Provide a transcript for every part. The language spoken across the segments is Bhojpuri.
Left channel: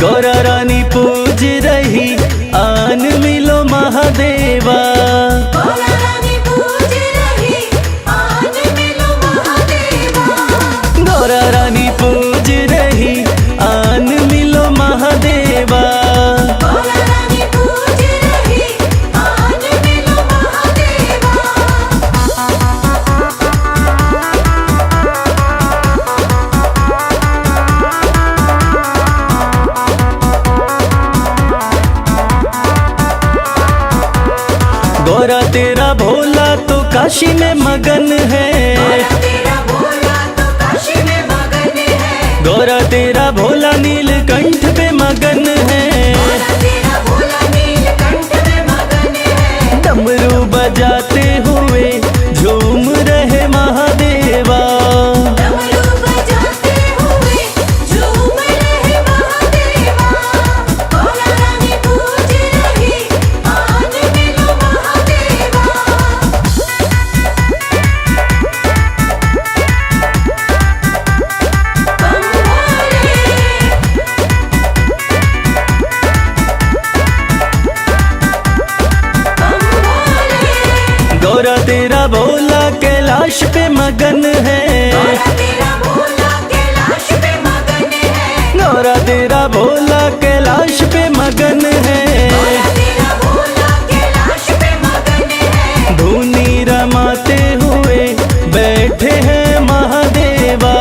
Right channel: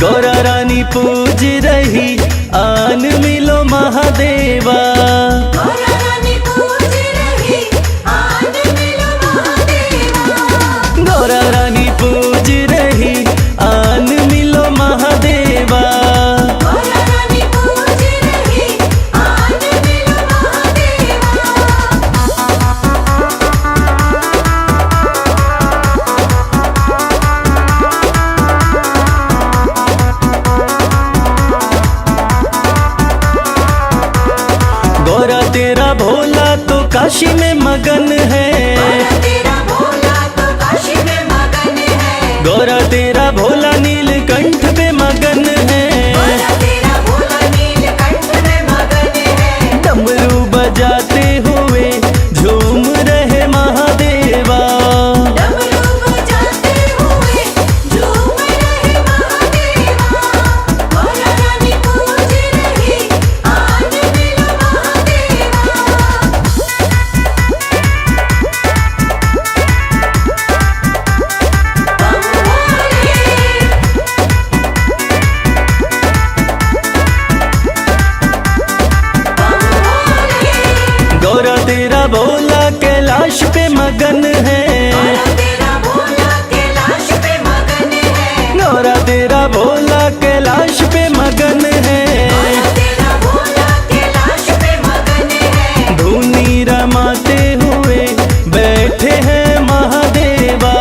गौरा रानी पूज रही आन मिलो महादेवा। गौरा रानी पूज रही आन मिलो महादेवा। गौरा तेरा भोला तो काशी में मगन है। गौरा तेरा भोला नीलकंठ पे मगन है। डमरू बजाते हुए झूम रहे महादेवा। गौरा तेरा भोला कैलाश पे मगन है। गौरा तेरा भोला कैलाश पे मगन है। धुनी रमाते हुए बैठे हैं महादेवा।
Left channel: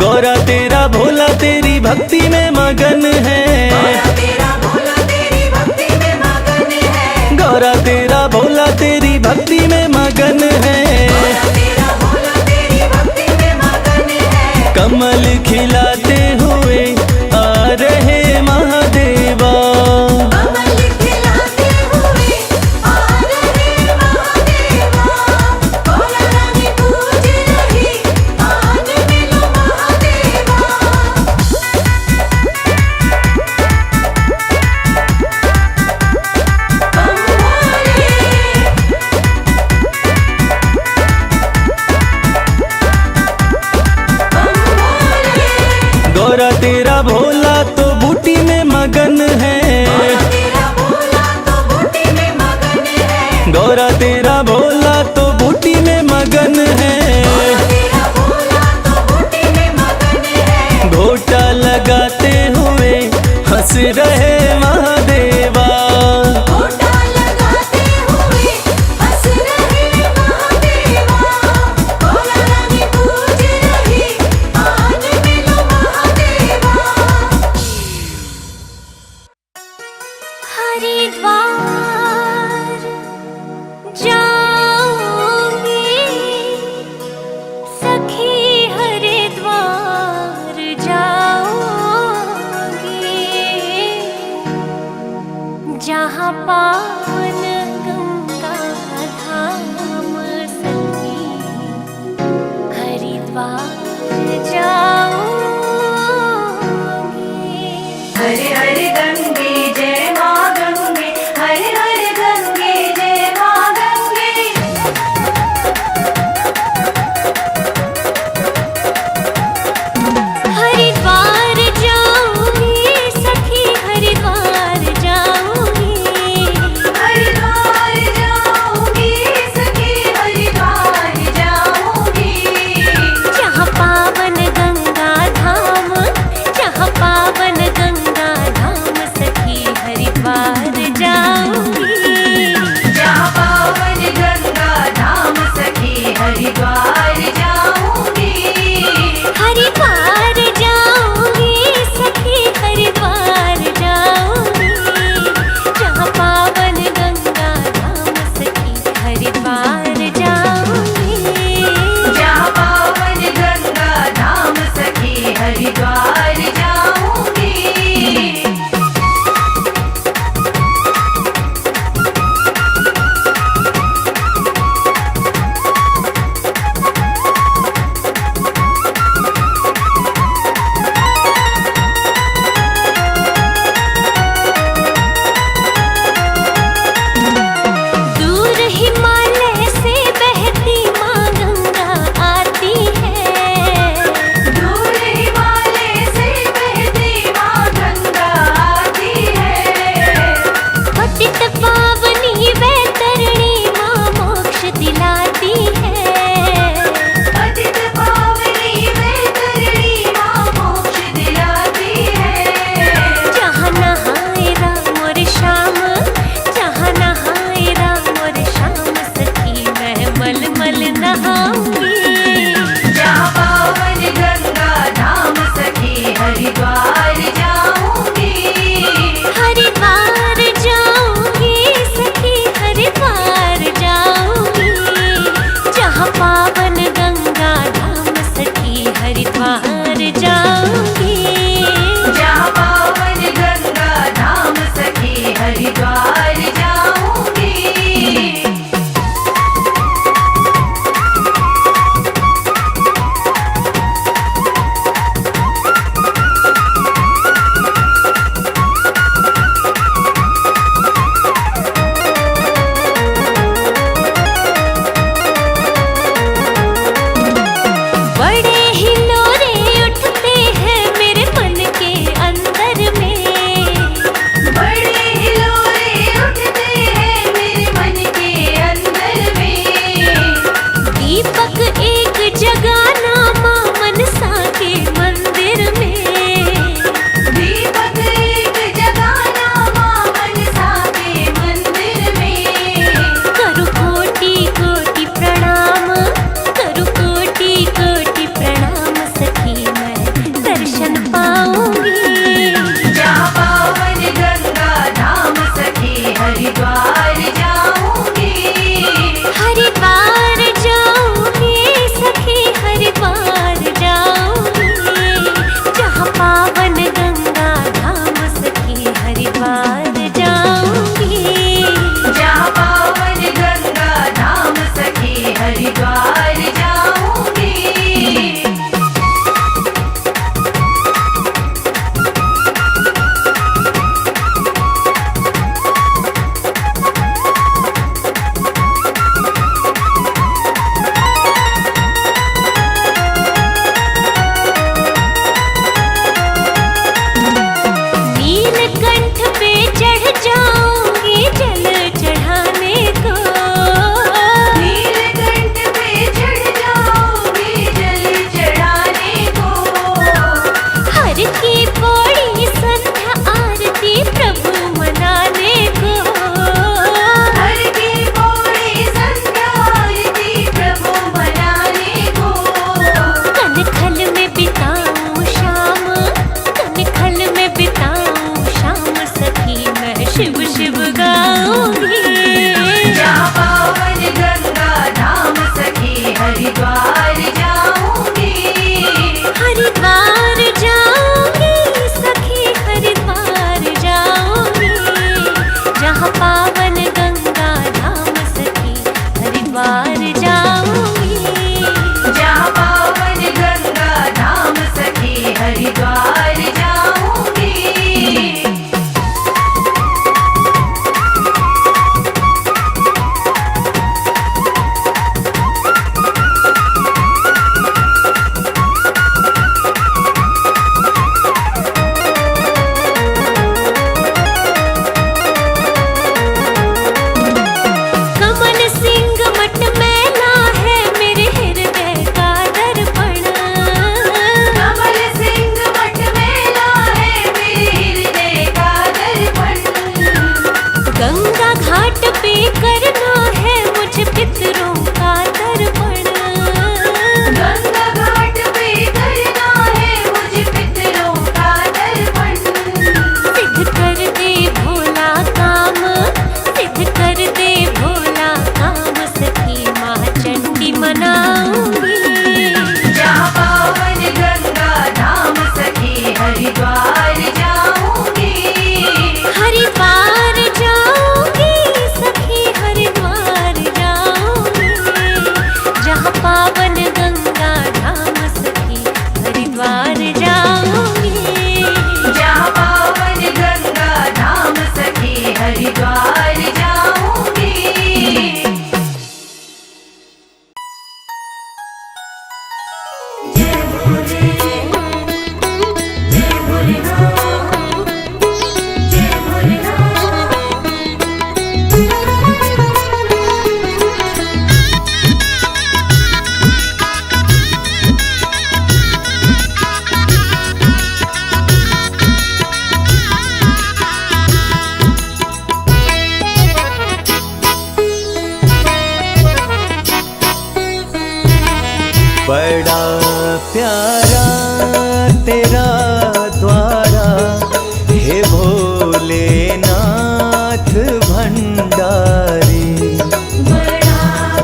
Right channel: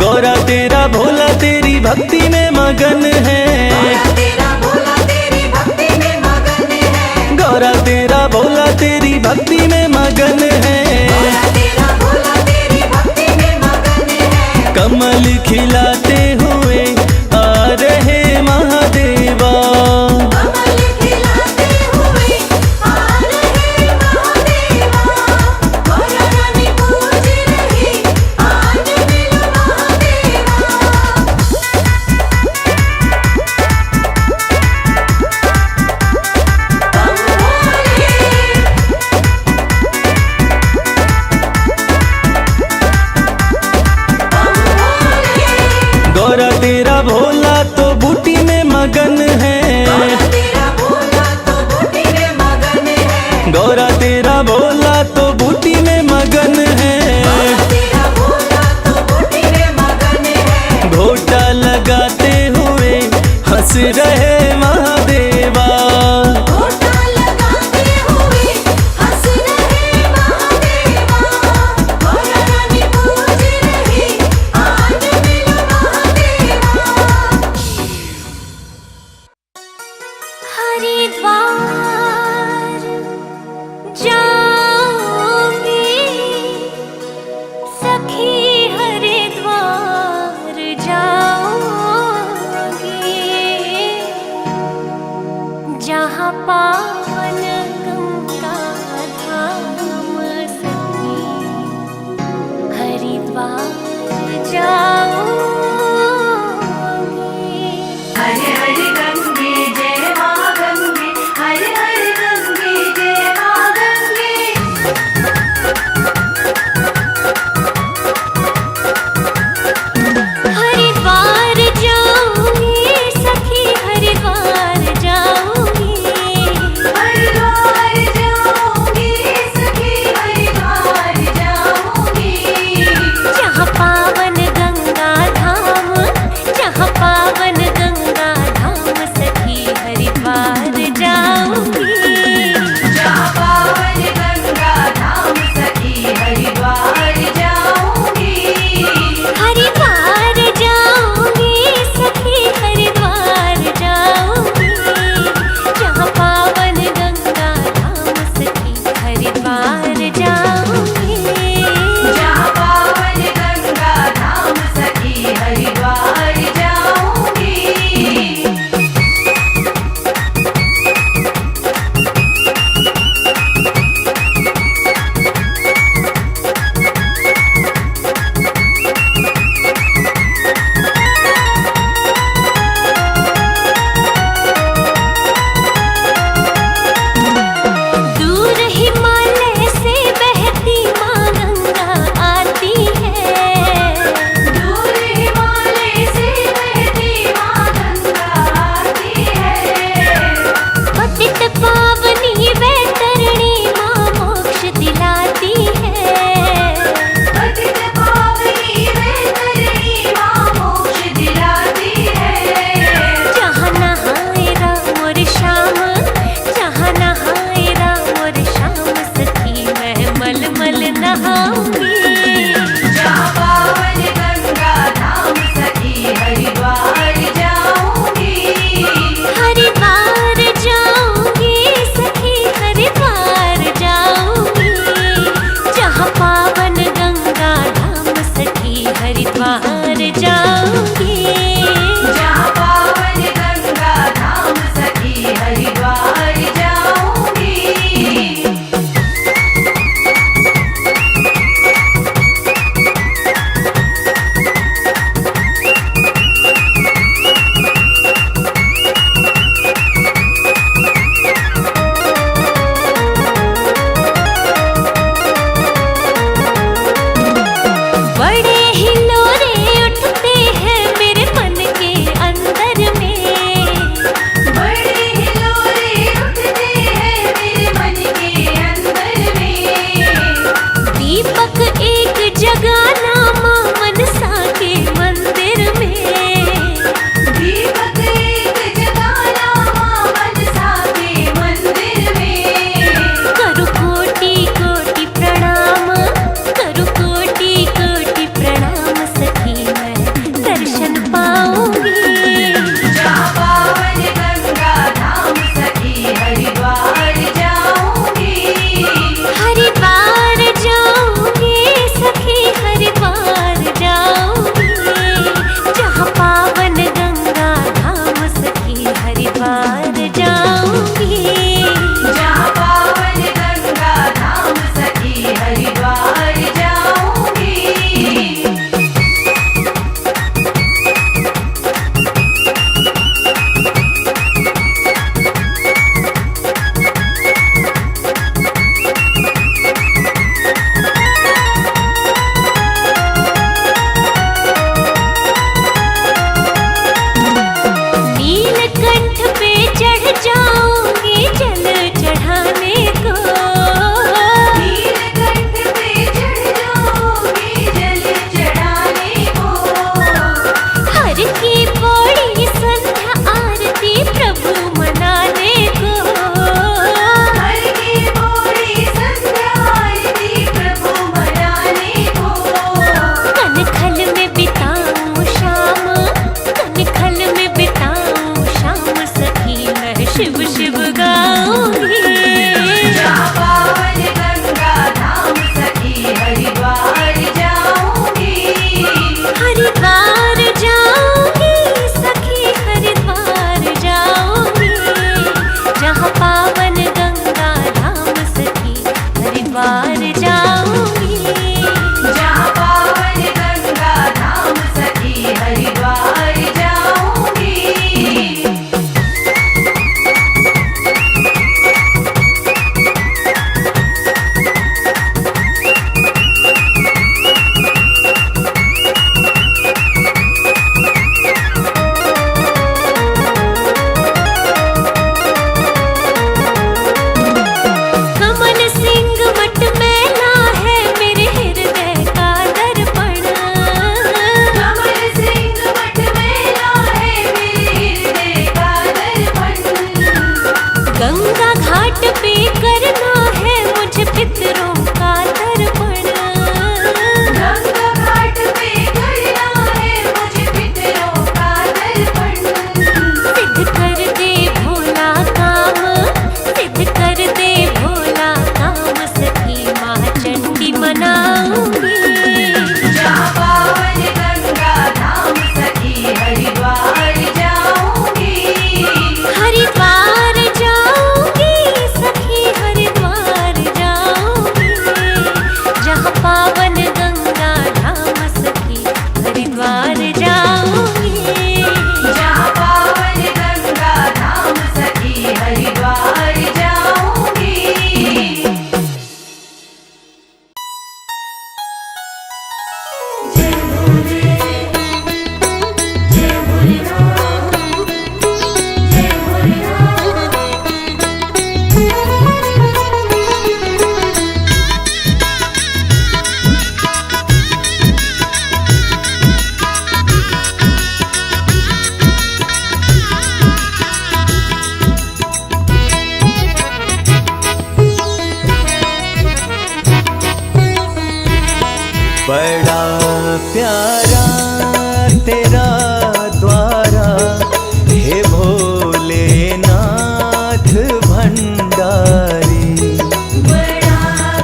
गौरा तेरा भोला तेरी भक्ति में मगन है। गौरा तेरा भोला तेरी भक्ति में मगन है। कमल खिलाते हुए आ रहे महादेवा। गौरा तेरा भोला तो बूटी में मगन है। गौरा तेरा भोला तो बूटी में मगन है। घोटा लगाते हुए हंस रहे महादेवा। हरिद्वार जाऊंगी सखी, हरिद्वार जाऊंगी, जहाँ पावन गंगा धाम सखी, हरिद्वार जाऊंगी। नहाऊंगी। जहाँ पावन गंगा धाम सखी हरिद्वार जाऊंगी। हरिद्वार जाऊंगी सखी हरिद्वार जाऊंगी। जहाँ पावन गंगा धाम सखी हरिद्वार जाऊंगी। जहाँ पावन गंगा धाम सखी हरिद्वार जाऊंगी। बड़े हिलोरे उठते हैं मेरे मन के अंदर में। बड़े हिलोरे उठते हैं मेरे मन के अंदर में। दीपक एक जगाना माँ मनसा के मंदिर में। दीपक एक जगाना माँ मनसा के मंदिर में। करु कोटि कोटि प्रणाम, करु कोटि कोटि प्रणाम सखी मैं दर्शन पाऊंगी। जहाँ पावन गंगा धाम सखी हरिद्वार जाऊंगी। हरिद्वार जाऊंगी सखी हरिद्वार जाऊंगी। जहाँ पावन गंगा धाम सखी हरिद्वार जाऊंगी। जहाँ पावन गंगा धाम सखी हरिद्वार जाऊंगी। नीलकंठ पे चढ़ जाऊंगी जल चढ़ाने को। नीलकंठ पे चढ़ जाओगे जल चढ़ाने को। हर की बड़ी संध्या आरती प्रभु मनाने को। हर की बोली संध्या आरती प्रभु मनाने को। कनखल में बिताऊं शाम, कनखल में बिताऊं शाम सखी मैं शिव शिव गाऊंगी। जहाँ पावन गंगा धाम सखी हरिद्वार जाऊंगी। हरिद्वार जाऊंगी सखी हरिद्वार जाऊंगी। जहाँ पावन गंगा धाम सखी हरिद्वार जाऊंगी। जहाँ पावन गंगा धाम सखी हरिद्वार जाऊंगी। कमल सिंह मठ मैला बड़ा प्यारा तेरा द्वारा हे भोलेनाथ भंडारी। बड़ा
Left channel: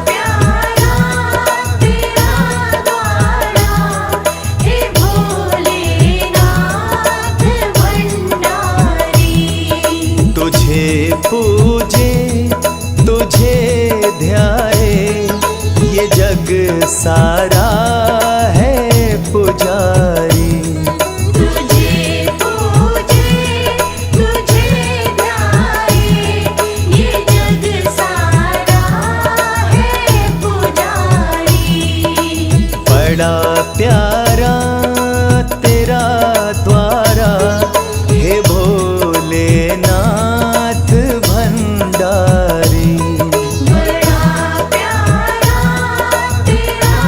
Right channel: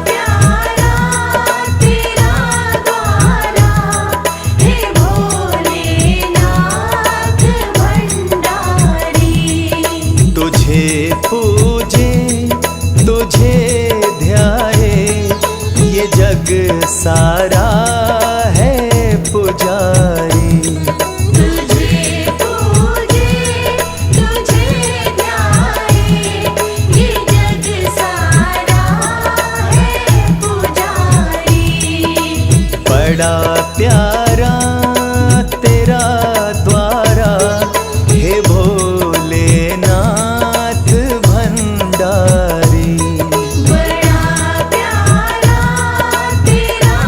प्यारा तेरा द्वारा हे भोलेनाथ भंडारी। तुझे पूजे तुझे ध्याए ये जग सारा है पुजारी। तुझे पूजे तुझे ध्याए ये जग सारा है पुजारी। बड़ा प्यारा तेरा द्वारा हे भोलेनाथ भंडारी। बड़ा प्यारा तेरा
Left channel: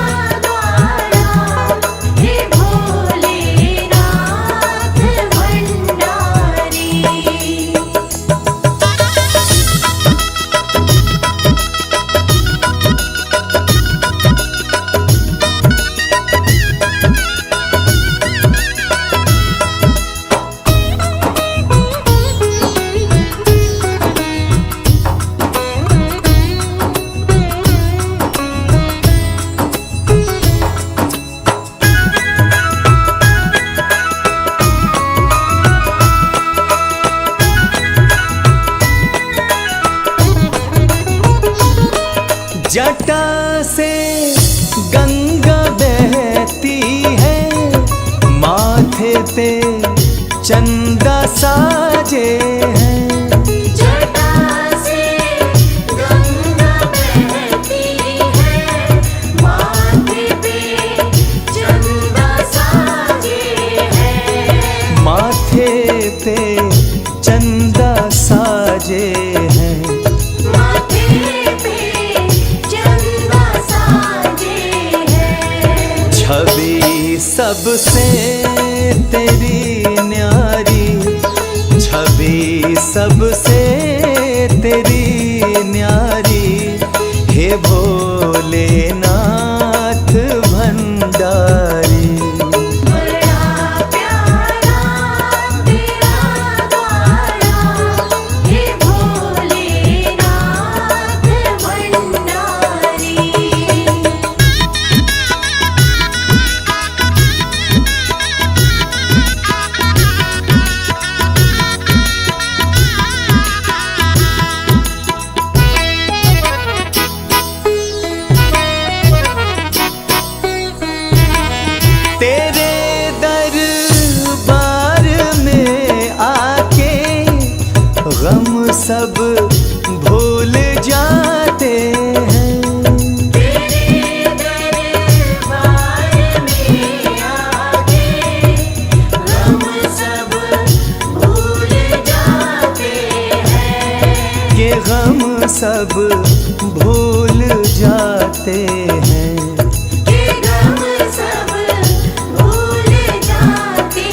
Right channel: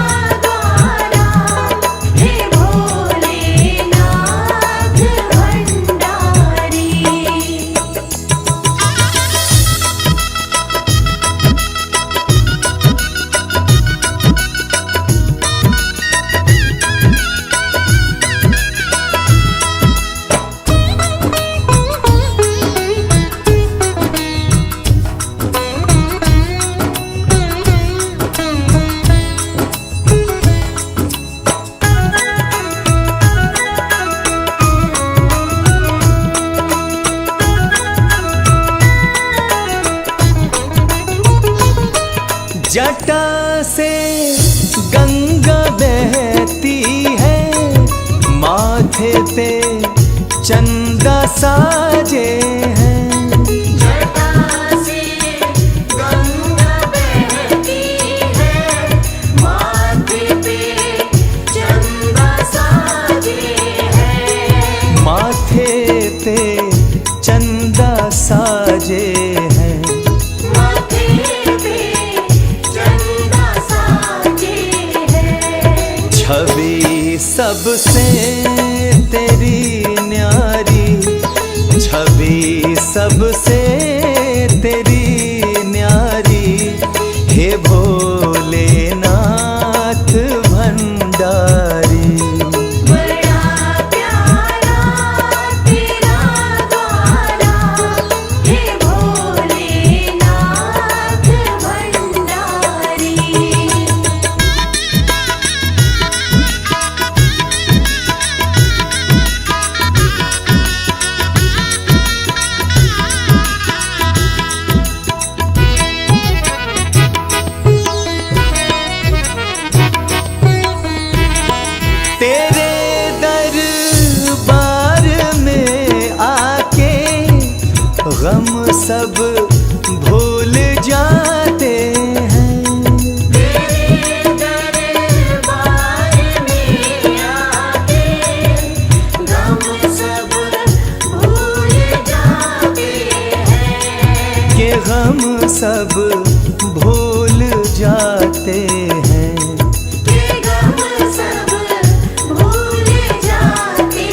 द्वारा हे भोलेनाथ भंडारी। जटा से गंगा बहती है, माथे पे चंदा साजे हैं। जटा से गंगा बहती है, माथे पे चंदा साजे हैं। माथे पे चंदा साजे हैं। माथे पे चंदा साजे हैं। छवि सबसे तेरी न्यारी, छवि सबसे तेरी न्यारी, हे भोलेनाथ भंडारी। बड़ा प्यारा तेरा द्वारा हे भोलेनाथ भंडारी। तेरे दरबार में आके गम सब भूल जाते हैं। तेरे दरबार में आके गम सब भूल जाते हैं। ये गम सब भूल जाते हैं। ये गम सब भूल जाते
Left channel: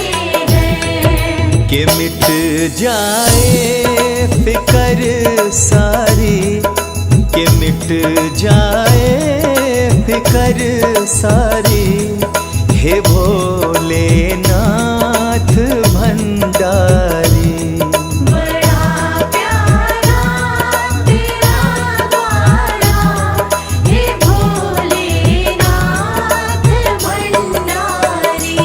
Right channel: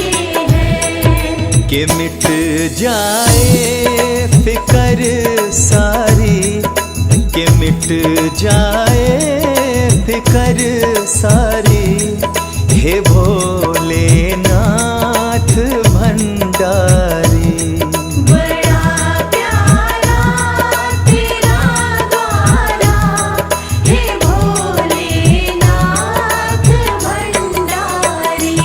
हैं। कि मिट जाए फिकर सारी, कि मिट जाए फिकर सारी, हे भोलेनाथ भंडारी। बड़ा प्यारा तेरा द्वारा हे भोलेनाथ भंडारी।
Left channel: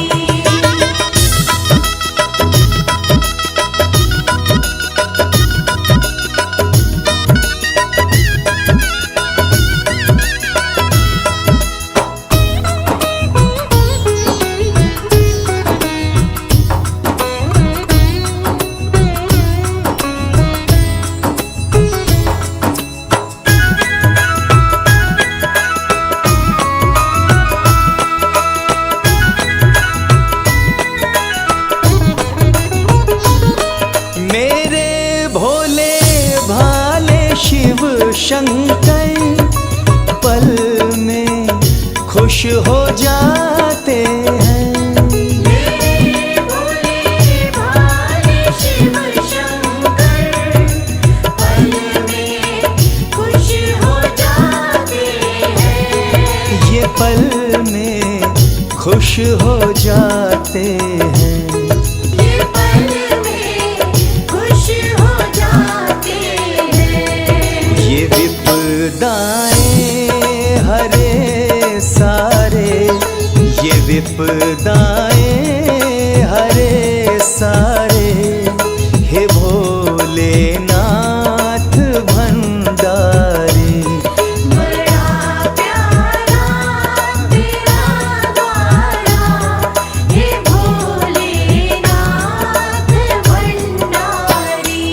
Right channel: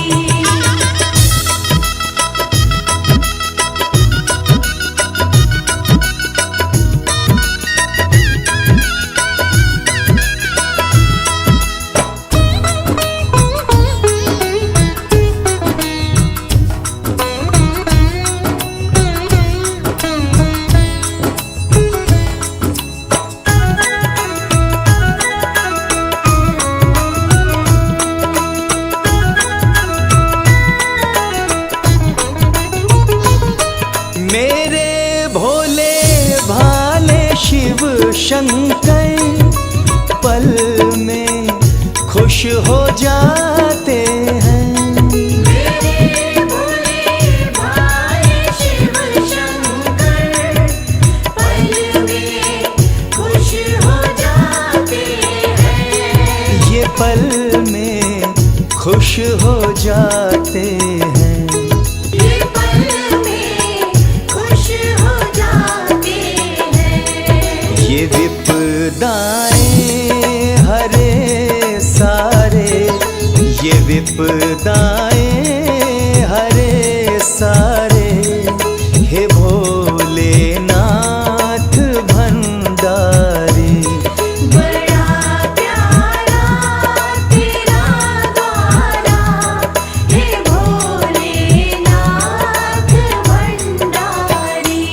मेरे भोले भाले शिव शंकर पल में खुश हो जाते हैं। मेरे भोले भाले शिव शंकर पल में खुश हो जाते हैं। ये पल में खुश हो जाते हैं। ये पल में खुश हो जाते हैं। ये विपदाएं हरे सारे, ये विपदाएं हरे सारे, हे भोलेनाथ भंडारी। बड़ा प्यारा तेरा गाना, हे भोलेनाथ भंडारी।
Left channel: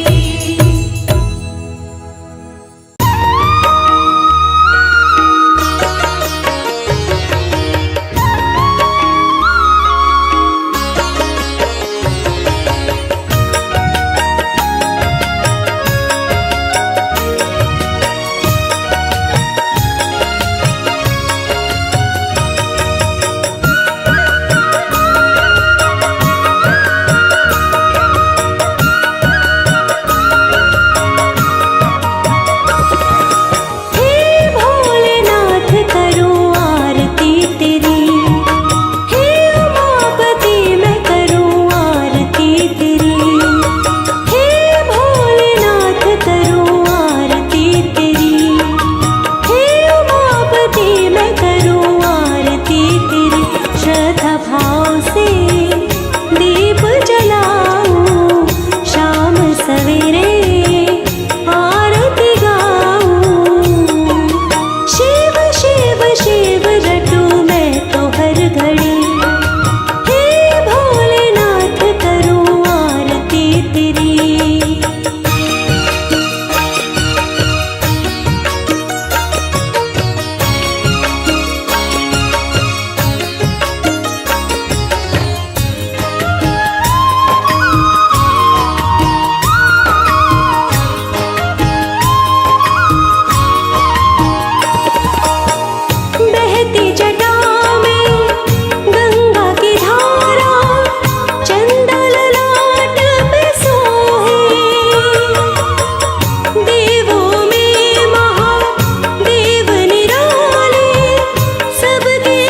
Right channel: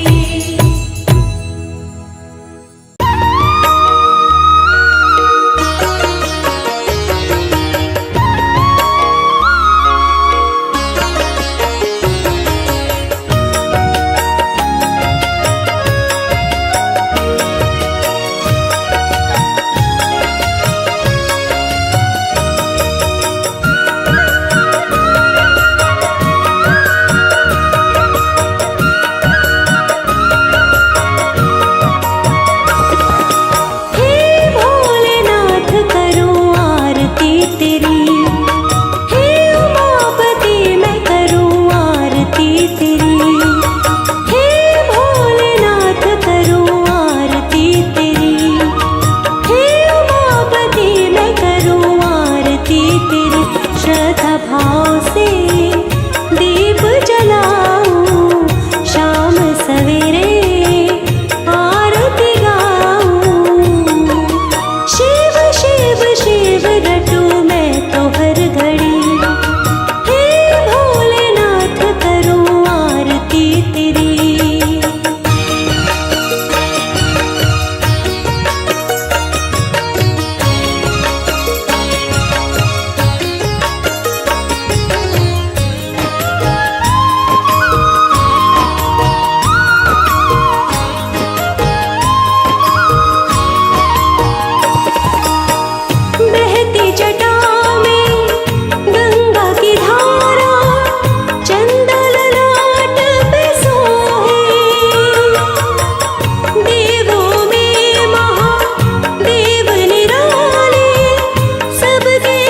हे भोलेनाथ करूं आरती तेरी, हे उमापति मैं करूं आरती तेरी। हे भोलेनाथ करूं आरती तेरी, हे उमापति मैं करूं आरती तेरी। श्रद्धा भाव से दीप जलाऊं, शाम सवेरे आरती गाऊं। शिव शिव शिव रटूं मैं तो हर घड़ी, हे भोलेनाथ करूं आरती तेरी। बहती जटा में गंगा की धारा, चंदा ललाट पे सोहे। देवों में महादेव निराले, सबके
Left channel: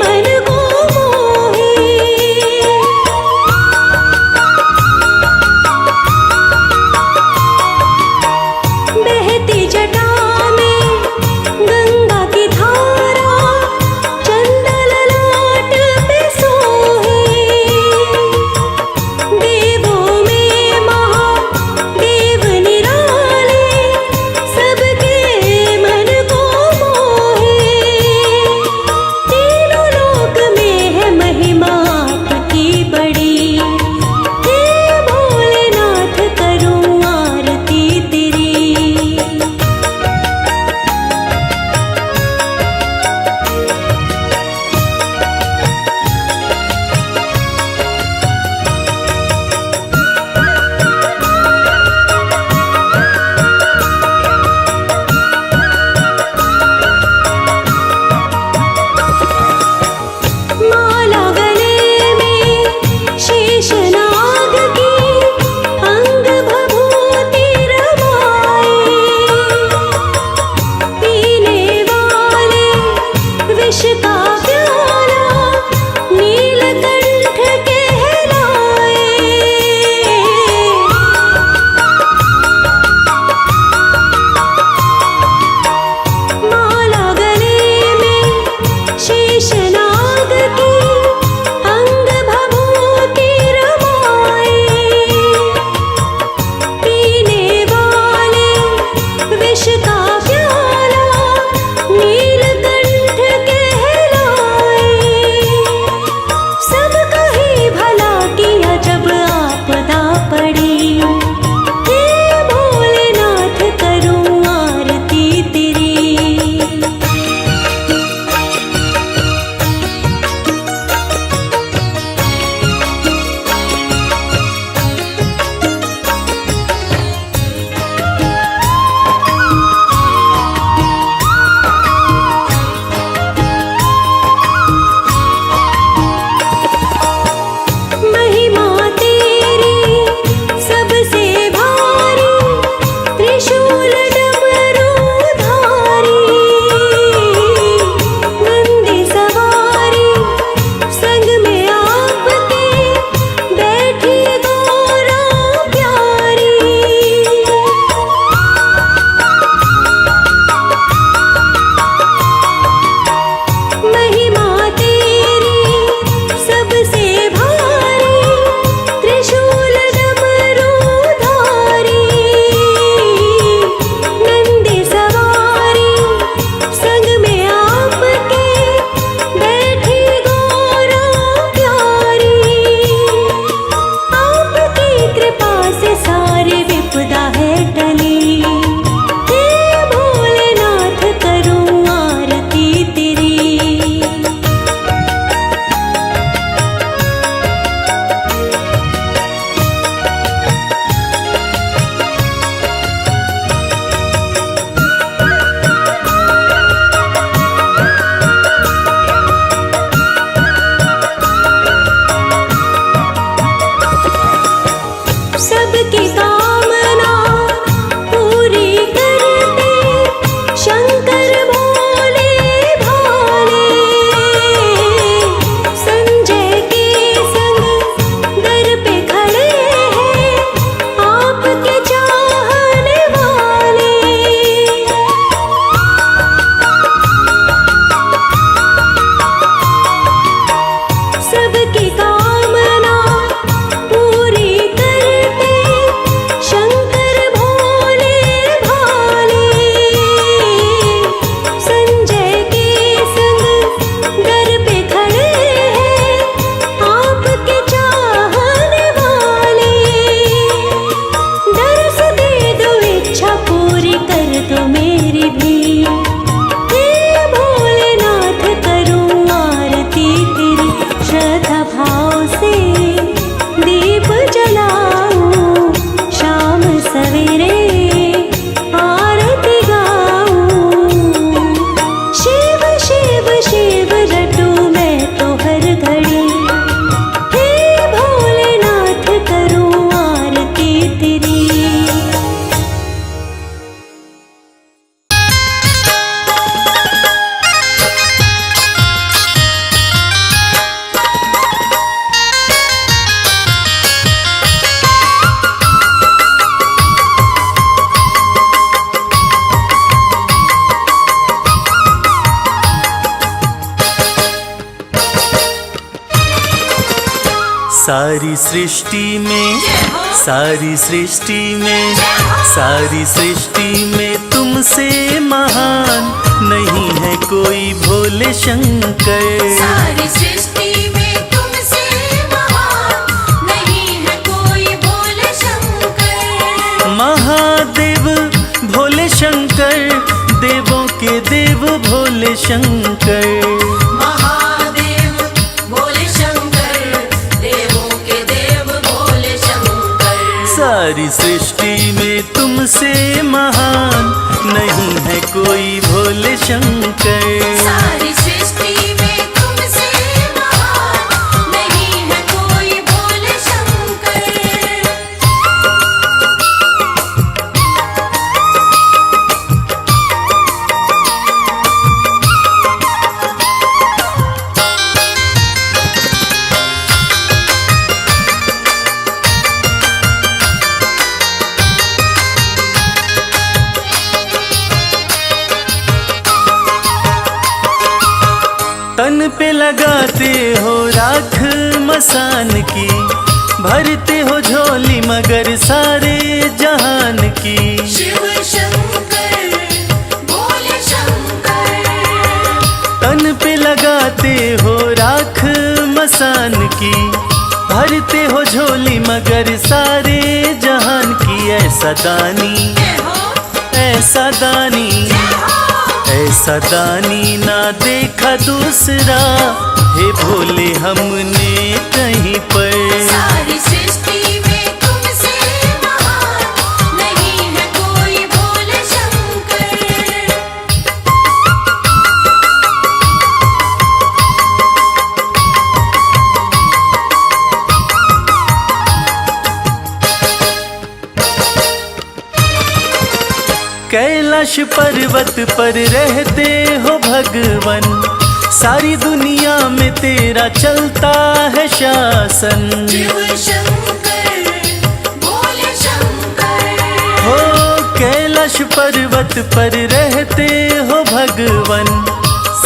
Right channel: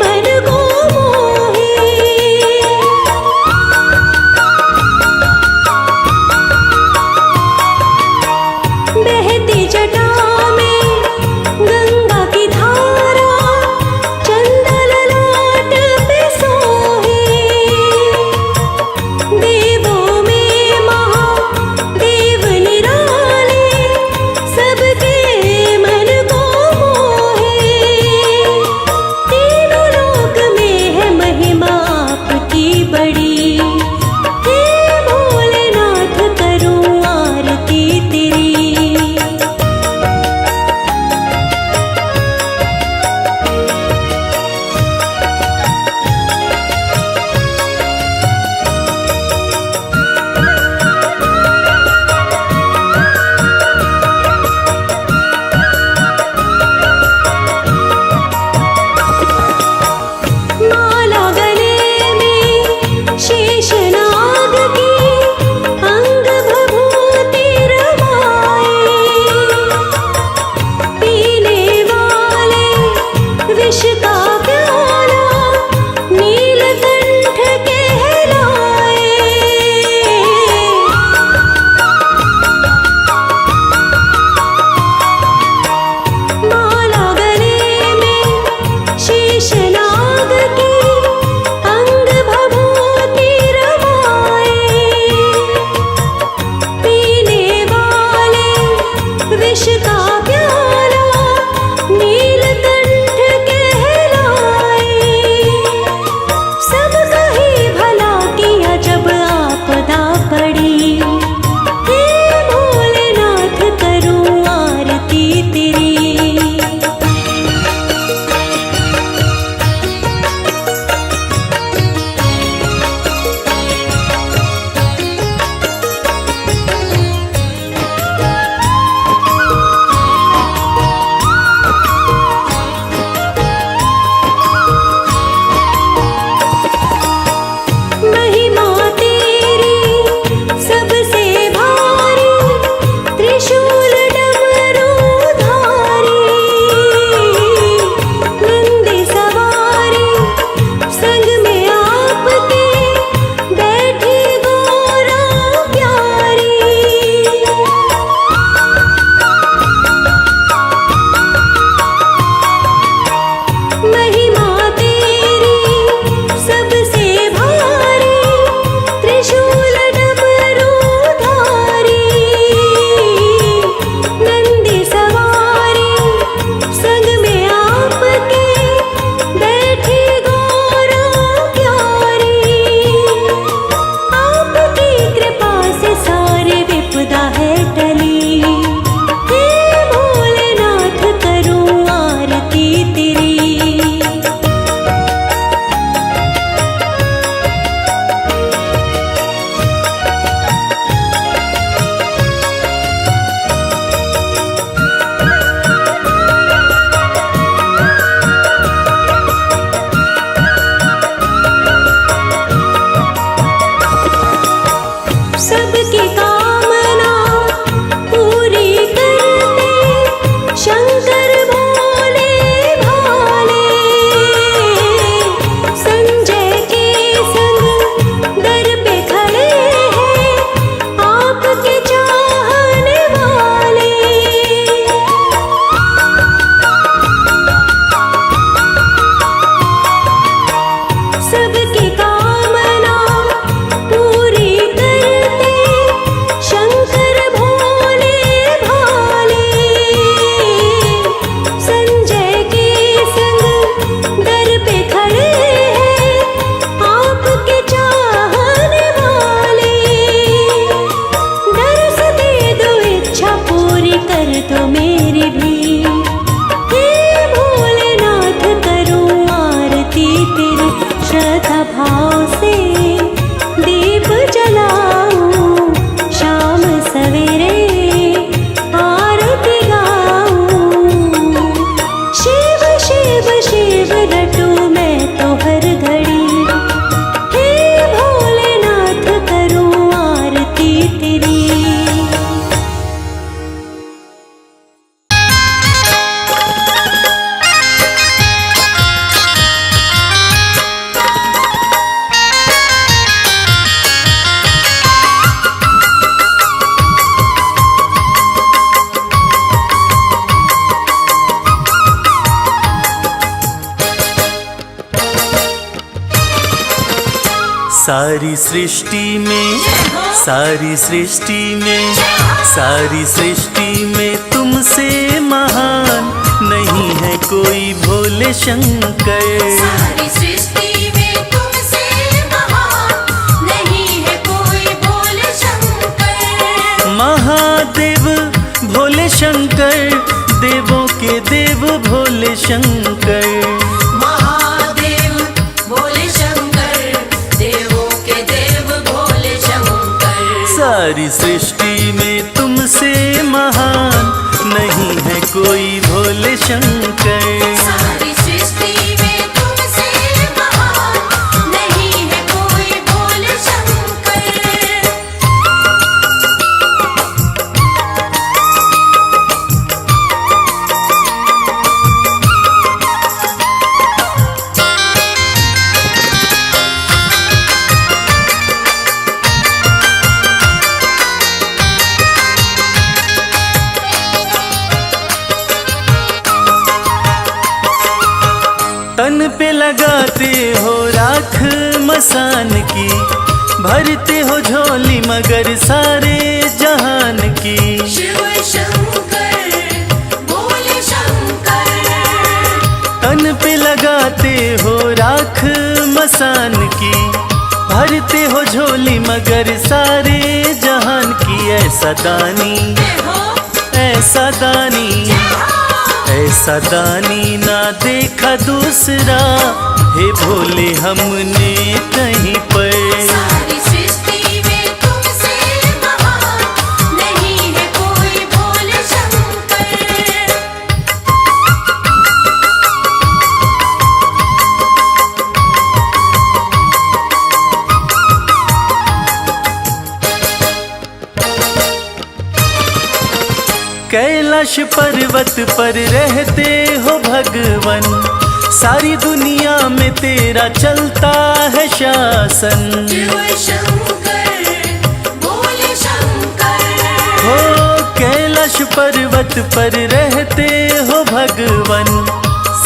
मन को मोहे। बहती जटा में गंगा की धारा, चंदा ललाट पे सोहे। देवों में महादेव निराले, सबके मन को मोहे। तीनों लोक में है महिमा आपकी बड़ी, हे भोलेनाथ करूं आरती तेरी। माला गले में शेषनाग की, अंग भभूति रमाए। पीने वाले विष का प्याला, नीलकंठ कहलाए। माला गले में शेषनाग की, अंग भभूति रमाए। पीने वाले विष का प्याला, नीलकंठ कहलाए। भी। हे भोलेनाथ करूं आरती तेरी, श्रद्धा भाव से दीप जलाऊं, शाम सवेरे आरती गाऊं। शिव शिव शिव रटूं मैं तो हर घड़ी, हे भोलेनाथ करूं आरती तेरी। सारी सृष्टि में, सारी सृष्टि में, सारी सृष्टि में तुमसे महान नहीं है कोई भोले शंकर। सारी सृष्टि में तुमसे महान नहीं है कोई भोले शंकर। महादेव भोले शंकर, देवों के देव भोले शंकर। सारी सृष्टि में तुमसे महान नहीं है कोई भोले शंकर। सारी सृष्टि में तुमसे महान नहीं है कोई भोले शंकर। तन पे लगाते हो राख मसान की, भरते हो झोली मगर सारे जहान की। शिव शंकर भोले शंकर। तन पे लगाते हो राख मसान की, भरते हो झोली मगर सारे जहान की। ऐसा दानी, ऐसा दानी, ऐसा दानी ना देखा दूसरा, हे भोले हमने कहीं पर। सारी सृष्टि में तुमसे महान नहीं है कोई भोले शंकर। कैलाश पर्वत पर रहते हो भगवन, सारी दुनिया में तेरा चलता है शासन। शिव शंकर भोले शंकर। हो कैलाश पर्वत पर रहते हो भगवन,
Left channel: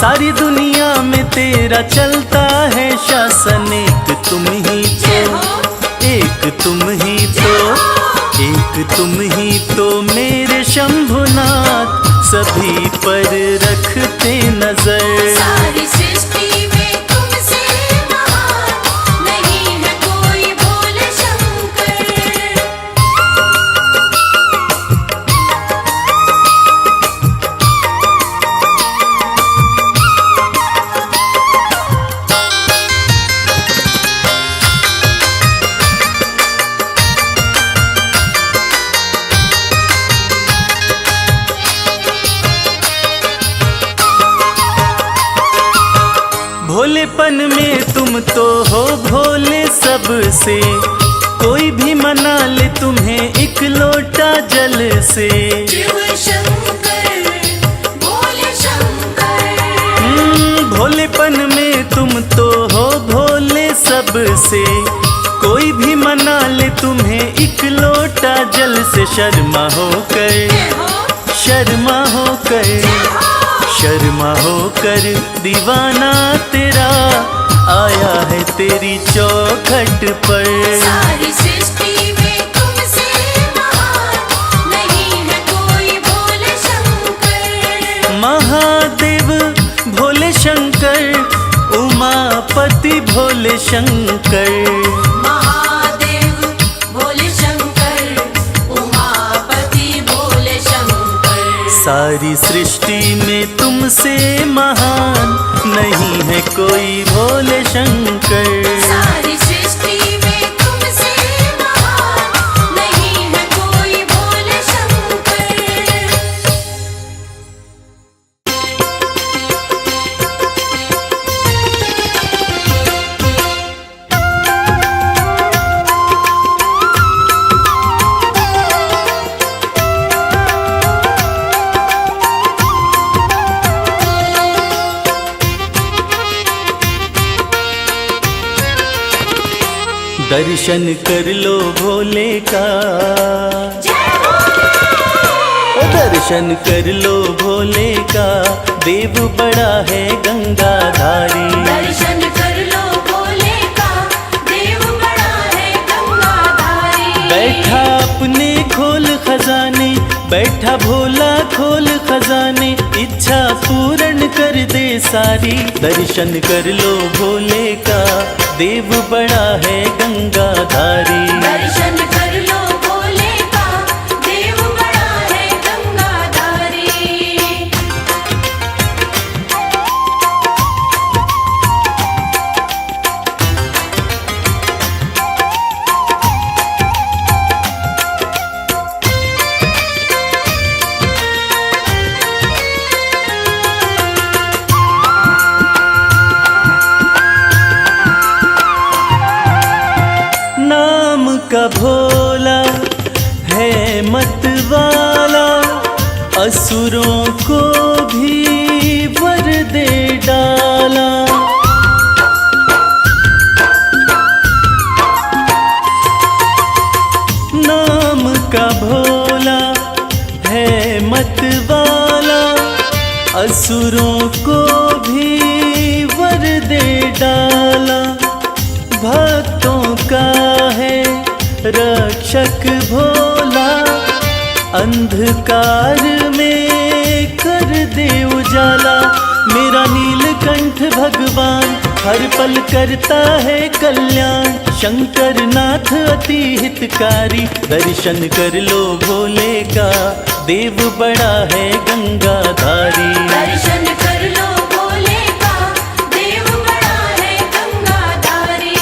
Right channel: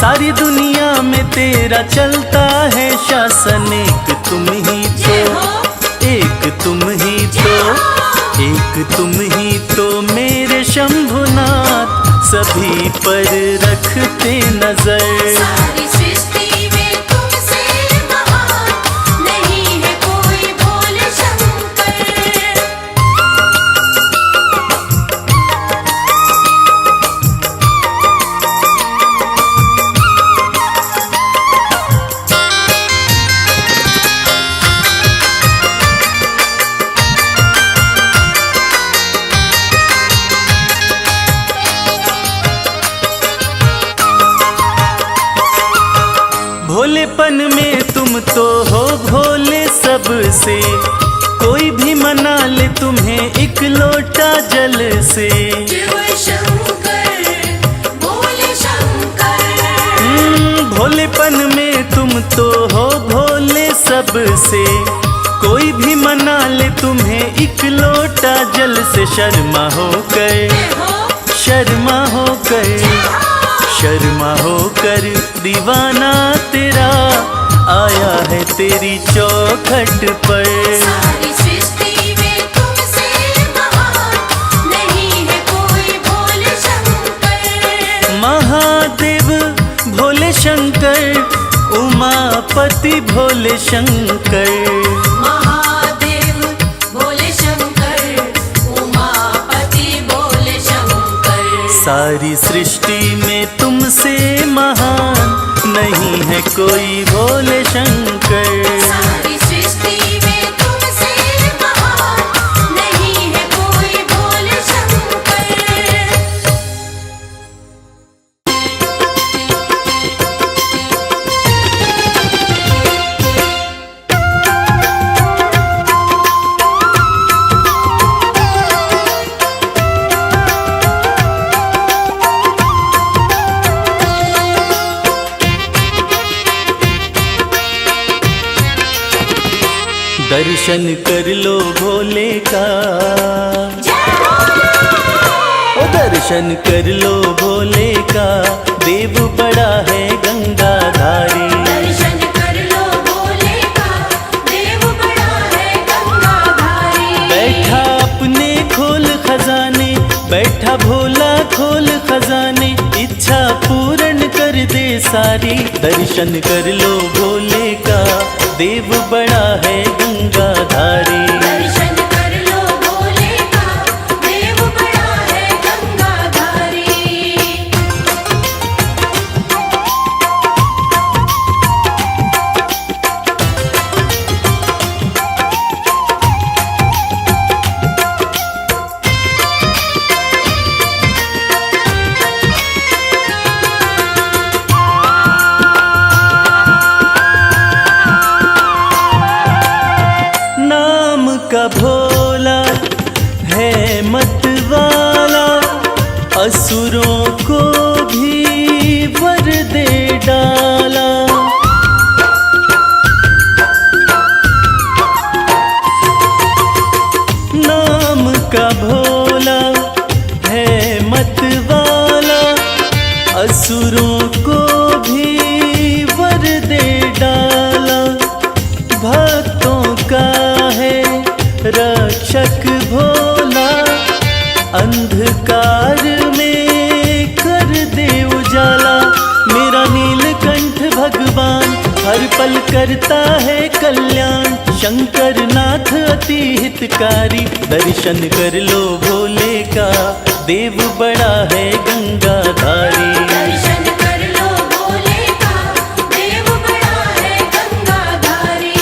सारी दुनिया में तेरा चलता है शासन। एक तुम ही तो, एक तुम ही तो, एक तुम ही तो मेरे शंभुनाथ, सभी पर रखते नजर। सारी सृष्टि में तुमसे महान नहीं है कोई भोले शंकर। भोलेपन में तुम तो हो भोले सबसे, कोई भी मना ले तुम्हें एक लोटा जल से। शिव शंकर भोले शंकर। भोलेपन में तुम तो हो भोले सबसे, कोई भी मना ले तुम्हें एक लोटा जल से। शर्मा होकर, शर्मा होकर, शर्मा होकर दीवाना तेरा आया है तेरी चौखट पर। सारी सृष्टि में तुमसे महान नहीं है कोई भोले शंकर। महादेव भोले शंकर, उमापति भोले शंकर। महादेव भोले शंकर, उमापति भोले शंकर। सारी सृष्टि में तुमसे महान नहीं है कोई भोले शंकर। सारी सृष्टि में तुमसे महान नहीं है कोई भोले शंकर। दर्शन कर लो भोले का, ओ दर्शन कर लो भोले का, देव बड़ा है गंगाधारी। दर्शन कर लो भोले का, देव बड़ा है गंगाधारी। बैठा अपने खोल खजाने, बैठा भोला खोल खजाने, इच्छा पूर्ण कर दे सारी। दर्शन कर लो भोले का, देव बड़ा है गंगाधारी। दर्शन कर लो भोले का, देव बड़ा है गंगाधारी। नाम का भोला है मत वाला, असुरों को भी वर दे डाला। नाम का भोला है मत वाला, असुरों को भी वर दे डाला। भक्तों का है रक्षक भोला, अंधकार में कर दे उजाला। मेरा नीलकंठ भगवान हर पल करता है कल्याण, शंकर नाथ अति हितकारी। दर्शन कर लो भोले का, देव बड़ा है गंगाधारी। दर्शन कर लो भोले का, देव बड़ा है गंगाधारी।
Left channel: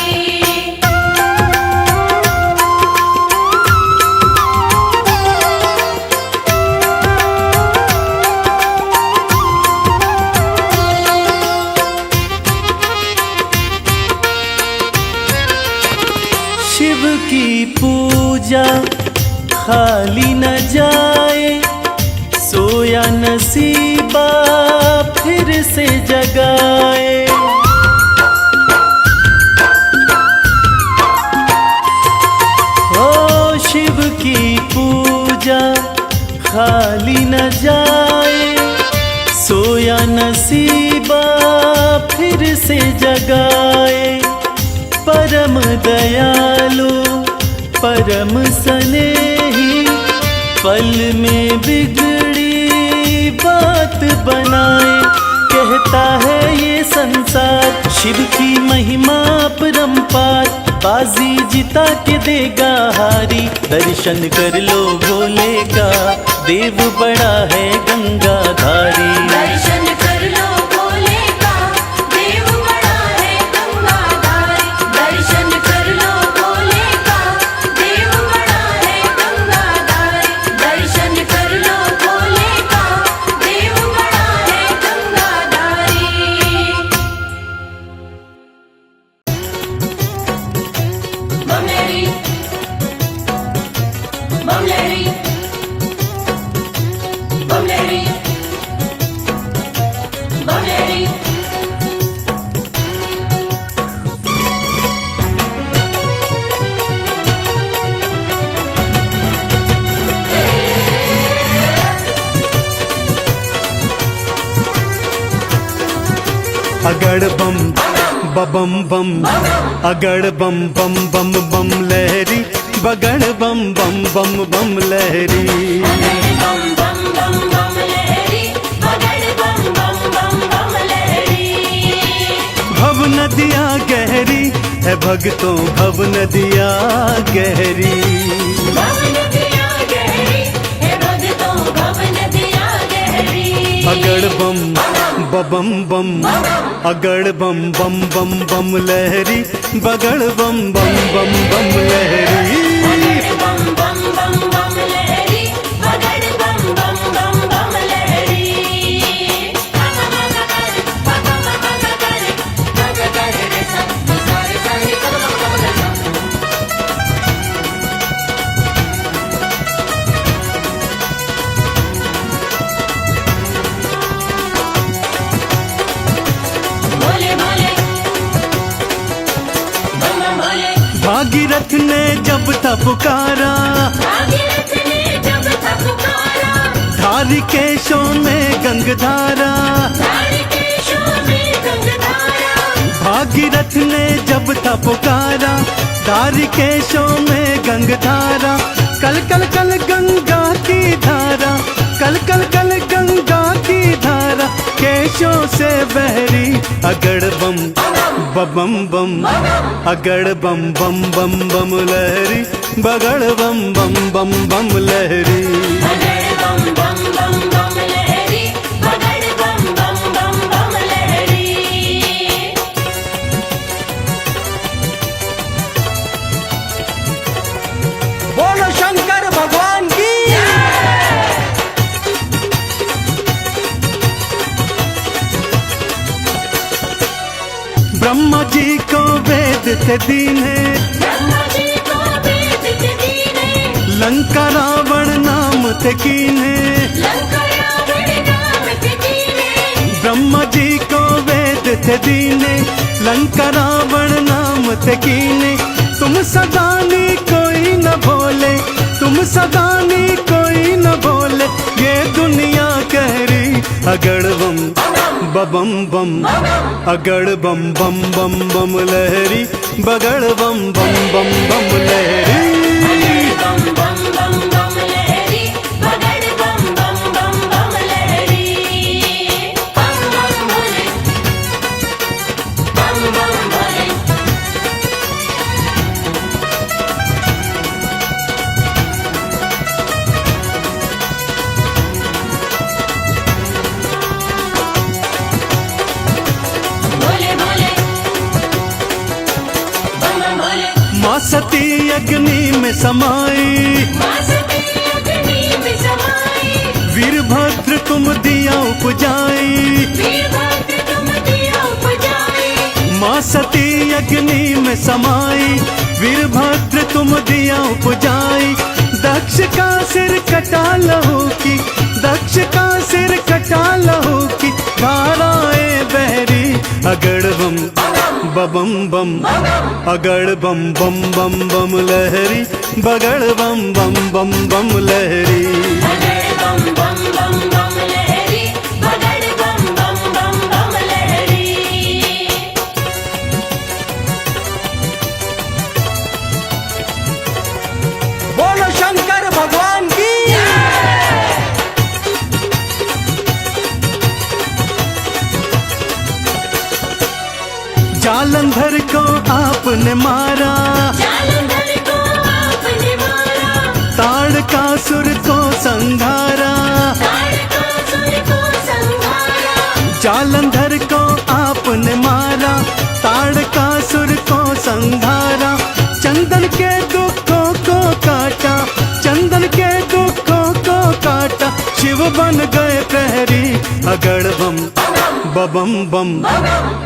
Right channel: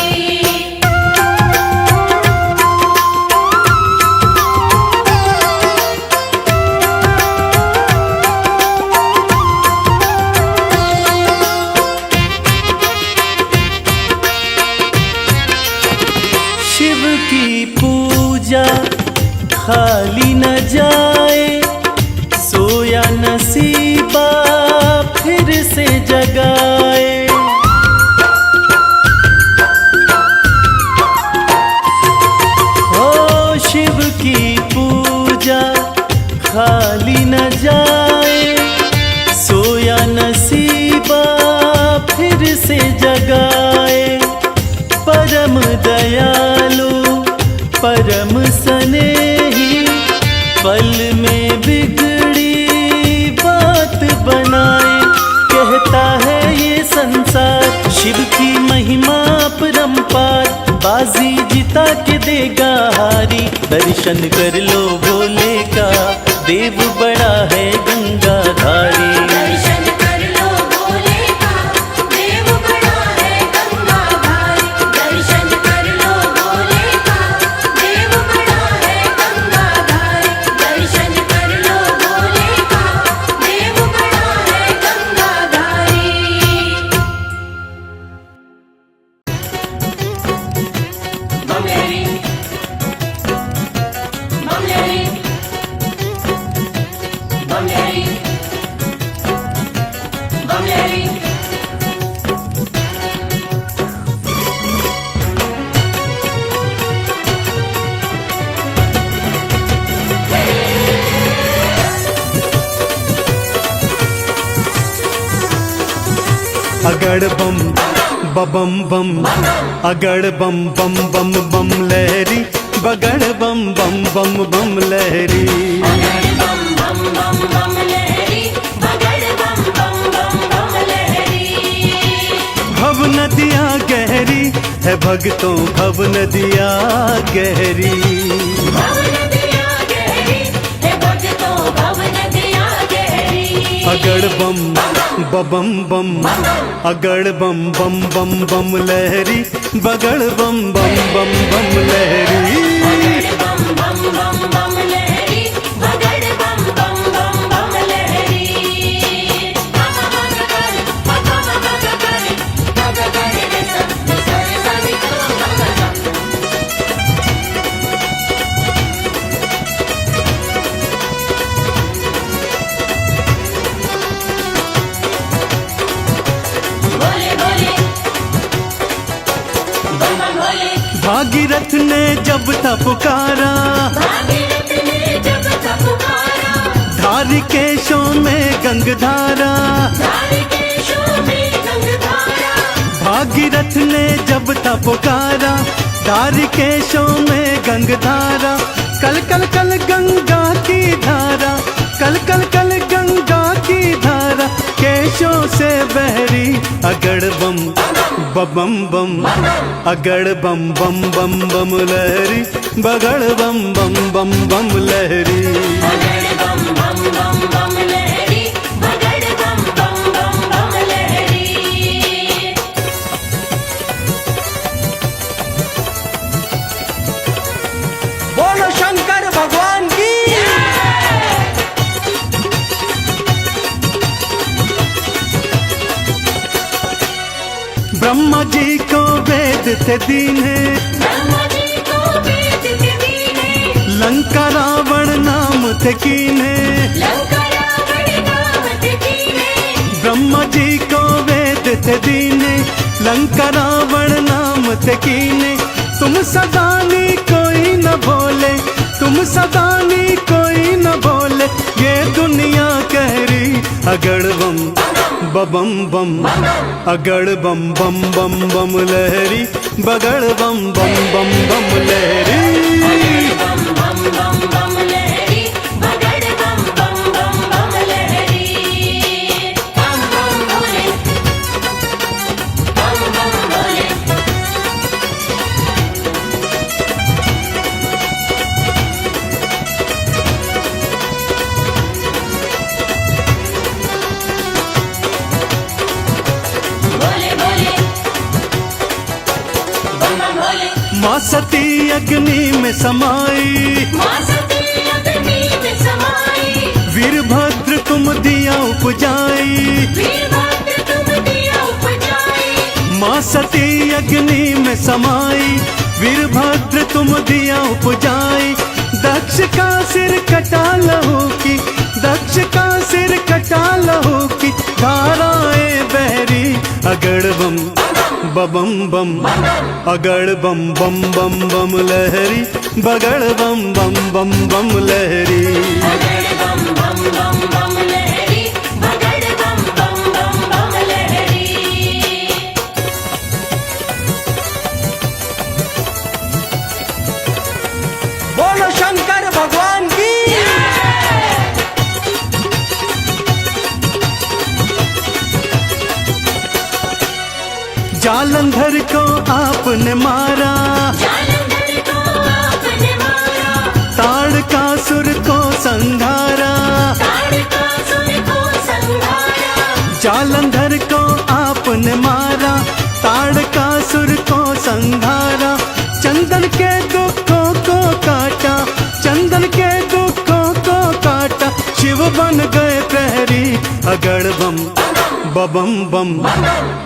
शिव की पूजा खाली न जाए, सोया नसीबा फिर से जगाए। हो शिव की पूजा खाली न जाए, सोया नसीबा फिर से जगाए। परम दयालु परम स्नेही, पल में बिगड़ी बात बनाए। कहता है ये संसार शिव की महिमा परम्पार, बाजी जिता के देगा हारी। दर्शन कर लो भोले का, देव बड़ा है गंगाधारी। दर्शन कर लो भोले का, देव बड़ा है गंगाधारी। दर्शन कर लो भोले का, देव बड़ा है गंगाधारी। दर्शन कर लो भोले का, देव बड़ा है गंगाधारी। बमलेरी बमलेरी बमलेरी बमलेरी। अगड़ बम बम बम, अगड़ बम बम बम बम लहरी, बगड़ बम बम बम बम लहरी। भव नदियाँ गहरी है भक्तों, भव नदियाँ गहरी। अगड़ बम बम बम अगड़ बम बम बम बम लहरी बगड़ बम बम बम बम लहरी बम बम बम बम लहरी बगड़ बम बम बम बम लहरी बोले बोले बम बम बोले भागीरथ ने जब था पुकारा भागीरथ ने जब था पुकारा धारी केशों में गंगधारा धारी केशों में गंगधारा भागीरथ ने जब था पुकारा धारी केशों में गंगधारा कल कल कल गंगा की धारा कल कल कल गंगा की धारा केशों से बहरी अगड़ बम बम बम अगड़ बम बम बम बम लहरी बगड़ बम बम बम बम लहरी बगड़ बम बम बम बम लहरी बगड़ बम बम बम बम लहरी बोलो शंकर भगवान की ब्रह्मा जी को वेद थे दीने ब्रह्मा जी को वेद थे दीने लंका रावण नाम थे कीने लंका रावण नाम थे दीने ब्रह्मा जी को वेद थे दीने लंका रावण नाम थे कीने तुम सदानी कोई न भोले तुम सदानी कोई न भोले ये दुनिया कह रही अगड़ बम बम बम अगड़ बम बम बम बम लहरी बगड़ बम बम बम बम लहरी बम बम बम बम लहरी बगड़ बम बम बम बम लहरी बम बम भोले बम बम भोले बोले बोले बम बम भोले माँ सती अग्नि में समाई माँ सती अग्नि में समाई वीरभद्र तुम दिया उपजाई वीरभद्र तुम दिया उपजाई माँ सती अग्नि में समाई वीरभद्र तुम दिया उपजाई दक्ष का सिर कटा लहू की दक्ष का सिर कटा लहू की धाराएं बहरी अगड़ बम बम बम अगड़ बम बम बम बम लहरी बगड़ बम बम बम बम लहरी बगड़ बम बम बम बम लहरी बगड़ बम बम बम बम लहरी बोलो शंकर भगवान की जालंधर को आपने मारा जालंधर को आपने मारा ताड़कासुर को संघारा ताड़कासुर को संहारा जालंधर को आपने मारा ताड़कासुर को संघारा चंदन के दुखों को काटा चंदन के दुखों को काटा शिव बन गए प्रहरी अगड़ बम बम बम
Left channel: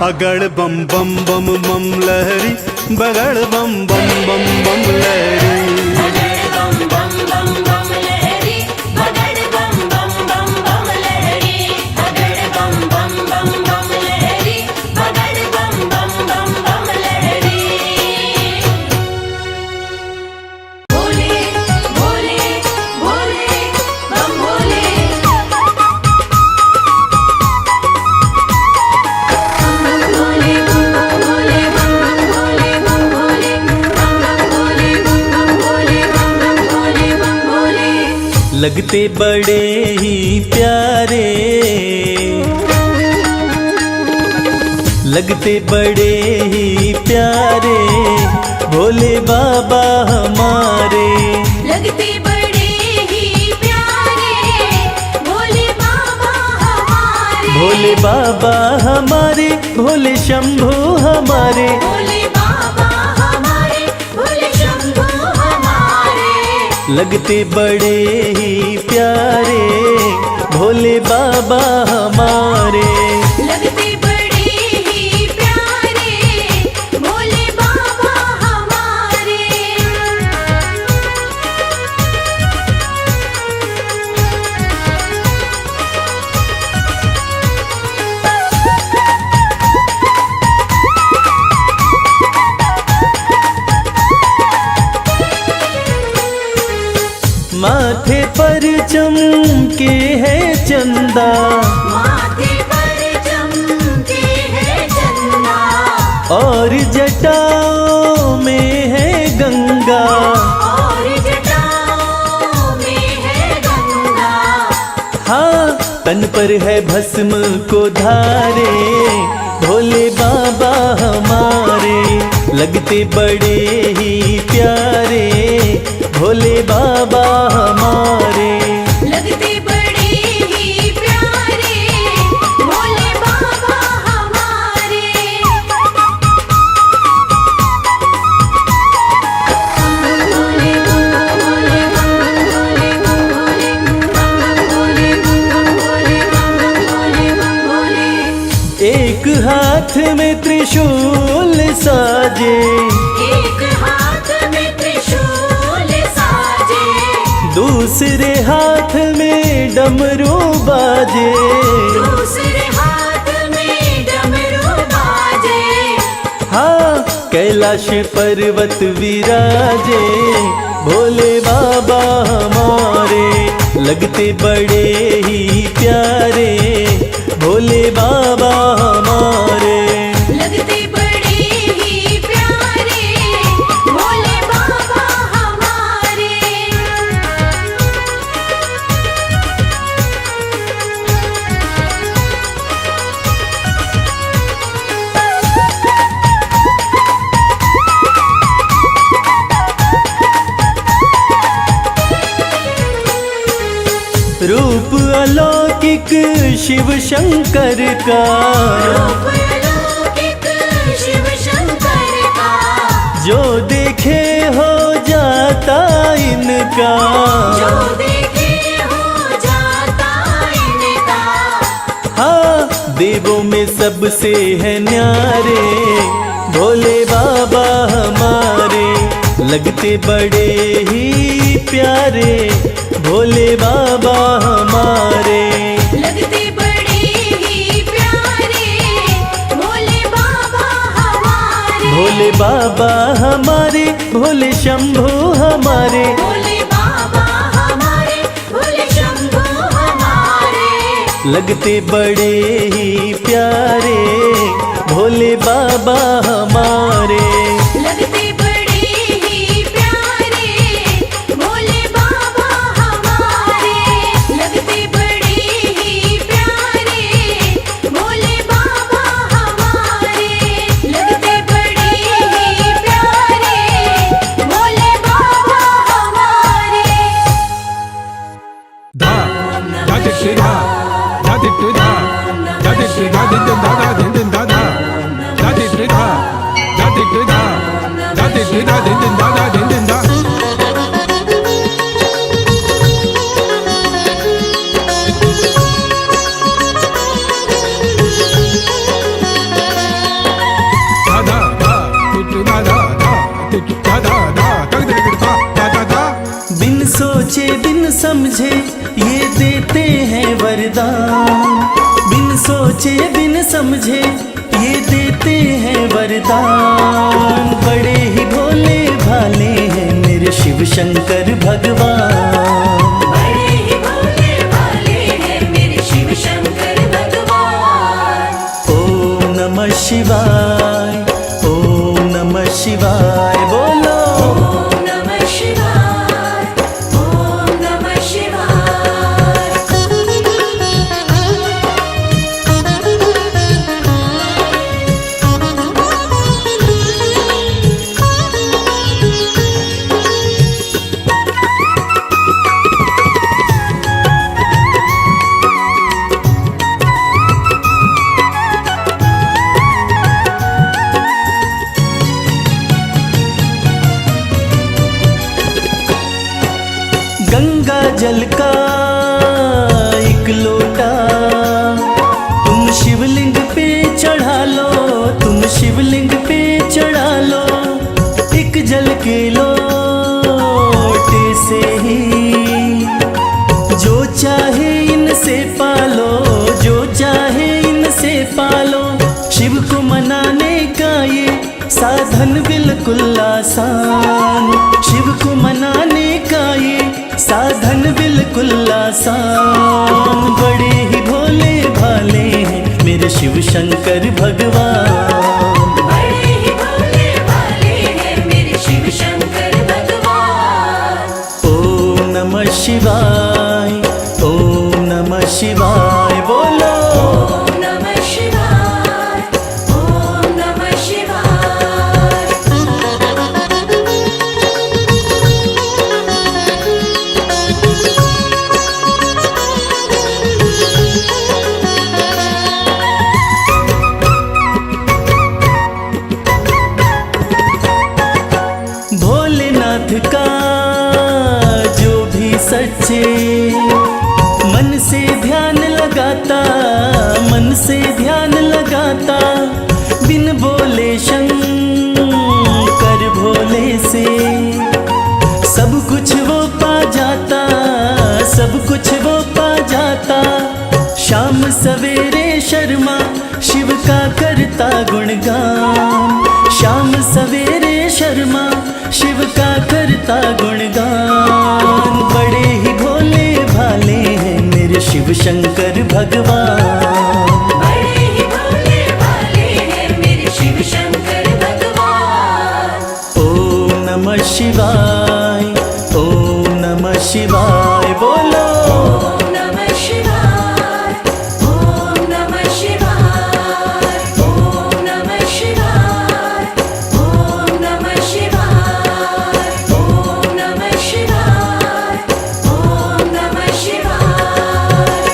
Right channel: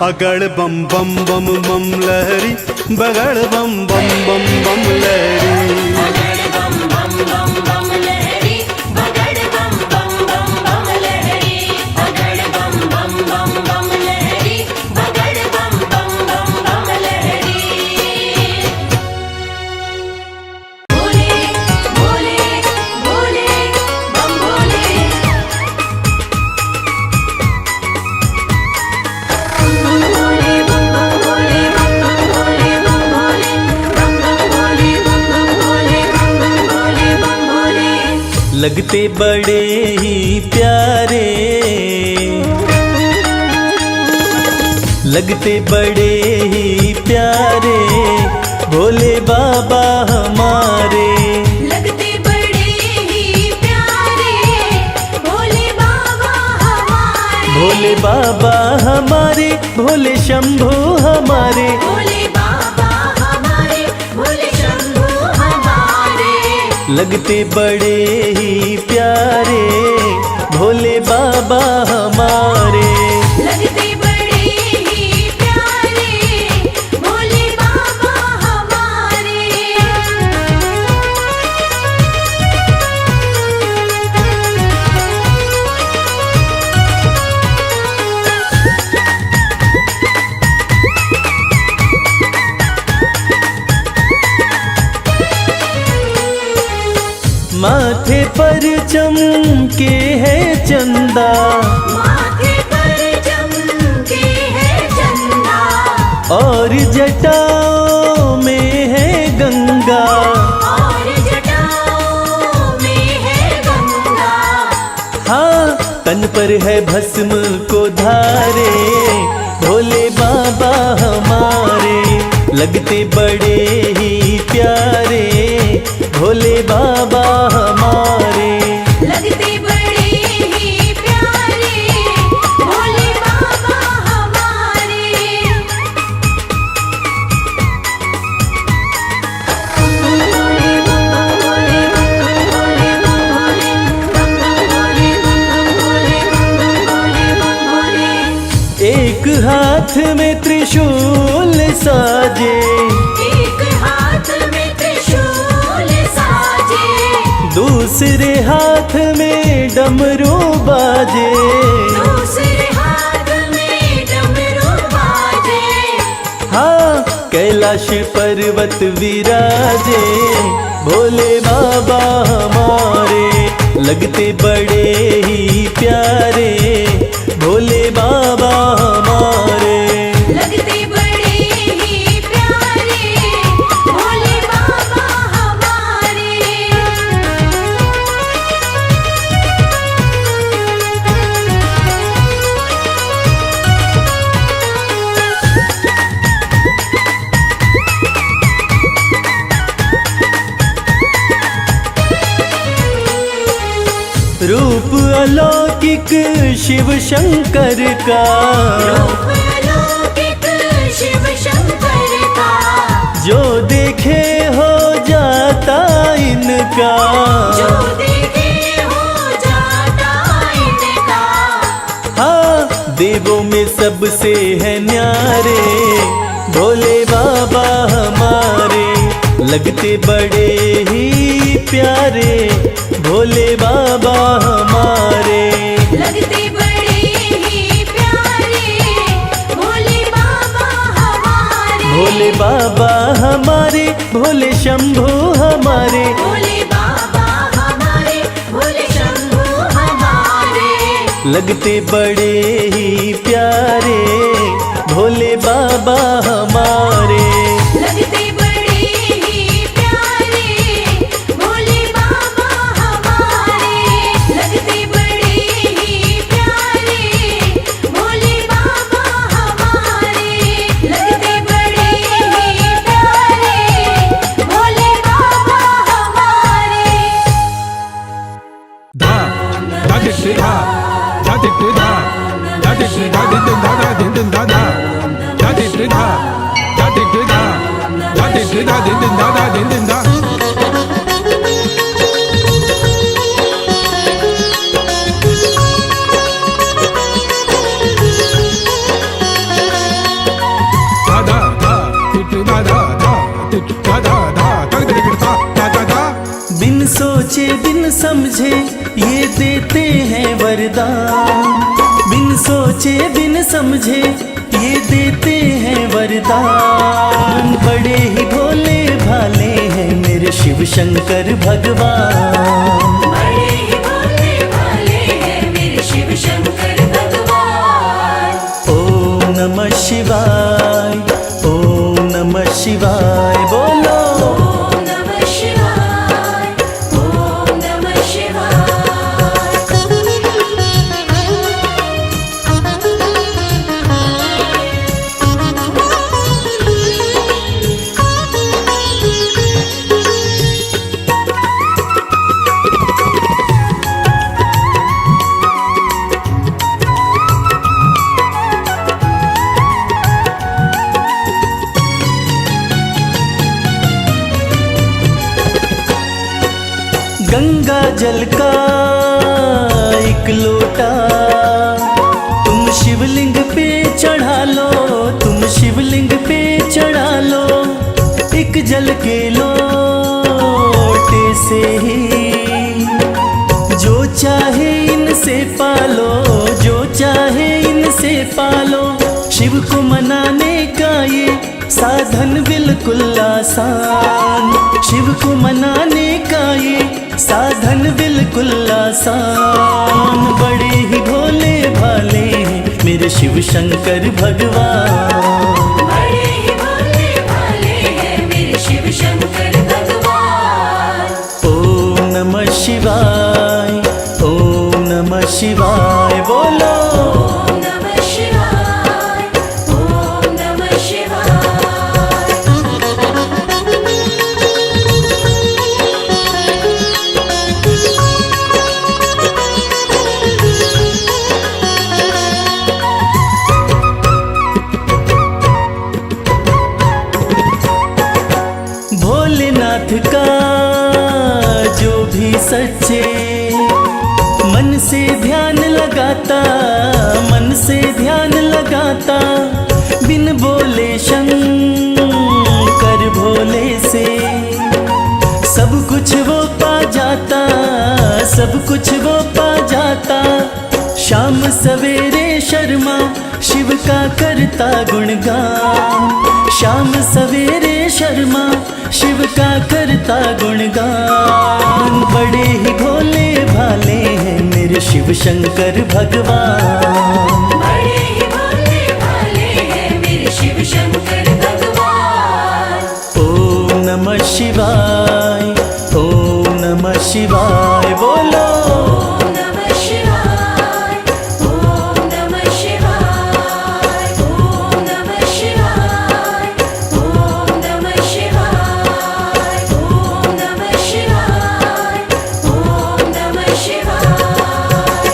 अगड़ बम बम बम बम लहरी बगड़ बम बम बम बम लहरी बगड़ बम बम बम बम लहरी बगड़ बम बम बम बम लहरी बगड़ बम बम बम बम लहरी बगड़ बम बम बम बम लहरी बोले बोले बोले बम बोले लगते बड़े ही प्यारे लगते बड़े ही प्यारे भोले बाबा हमारे लगते बड़े ही प्यारे भोले बाबा हमारे भोले बाबा हमारे, भोले शंभू हमारे, भोले बाबा हमारे, भोले शंभू हमारे। लगते बड़े ही प्यारे भोले बाबा हमारे। लगते बड़े ही प्यारे भोले बाबा हमारे। माथे पर चमके है चंदा, माथे पर चमके है चंदा, और जटाओं में है गंगा। और जटाओं में है गंगा। हाँ, तन पर है भस्म को धारे भोले बाबा हमारे। लगते बड़े ही प्यारे भोले बाबा हमारे। लगते बड़े ही प्यारे भोले बाबा हमारे। एक हाथ में त्रिशूल साजे, एक हाथ में त्रिशूल साजे, दूसरे हाथ में डमरू बाजे। दूसरे हाथ में डमरू बाजे। हाँ, कैलाश पर्वत विराजे भोले बाबा हमारे। लगते बड़े ही प्यारे भोले बाबा हमारे। लगते बड़े ही प्यारे भोले बाबा हमारे। रूप अलौकिक शिव शंकर का, अलौकिक शिव शंकर का, जो देखे हो जाता इनका। जो देखे हो जाता इनका। हाँ, देवों में सबसे है न्यारे भोले बाबा हमारे। लगते बड़े ही प्यारे भोले बाबा हमारे। लगते बड़े ही प्यारे भोले बाबा हमारे। भोले बाबा हमारे, भोले शंभू हमारे, भोले बाबा हमारे, भोले शंभू हमारे। लगते बड़े ही प्यारे भोले बाबा हमारे। लगते बड़े ही प्यारे भोले बाबा हमारे। लगते बड़े ही प्यारे भोले बाबा हमारे। लगते बड़े ही प्यारे भोले बाबा हमारे। धा धा धिट धा धा धिट धा धा धिट धा धिन धा धा धिन धा धा धा धिट धा धा धिट धा धा धिट धा धिन धा धा धिन धा। धा धा धा धिट धा धा धा धिट धा धा धा तक धिट धा धा धा धा। बिन सोचे बिन समझे ये देते हैं वरदान। बिन सोचे बिन समझे ये देते हैं वरदान। बड़े ही भोले भाले हैं मेरे शिव शंकर भगवान। बड़े ही भोले भाले हैं मेरे शिव शंकर भगवान। ओम नमः शिवाय, ओम नमः शिवाय बोलो। ओम नमः शिवाय, ओम नमः शिवाय। जल का एक लोटा तुम शिवलिंग पे चढ़ा लो, तुम शिवलिंग पे चढ़ा लो। एक जल के लोटे से ही जो चाहे इनसे पालो, जो चाहे इनसे पालो। शिव को मनाने का ये साधन बिल्कुल आसान, शिव को मनाने का ये साधन बिल्कुल आसान। बड़े ही भोले भाले हैं मेरे शिव शंकर भगवान। बड़े ही भोले भाले हैं मेरे शिव शंकर भगवान। ओम नमः शिवाय, ओम नमः शिवाय बोलो। ओम नमः शिवाय, ओम नमः शिवाय। भोलेनाथ का जो भी सच्चे मन से ध्यान लगाता, मन से ध्यान लगाता। बिन बोले शंकर भोले से सब कुछ वो पा जाता, सब कुछ वो पा जाता। शाम सवेरे शर्मा शिव का करता गुणगान, शाम सवेरे शर्मा शिव का करता गुणगान। बड़े ही भोले भाले हैं मेरे शिव शंकर भगवान। बड़े ही भोले भाले हैं मेरे शिव शंकर भगवान। ओम नमः शिवाय, ओम नमः शिवाय बोलो। ओम नमः शिवाय, ओम नमः शिवाय, ओम नमः शिवाय, ओम नमः शिवाय, ओम नमः शिवाय, ओम नमः शिवाय।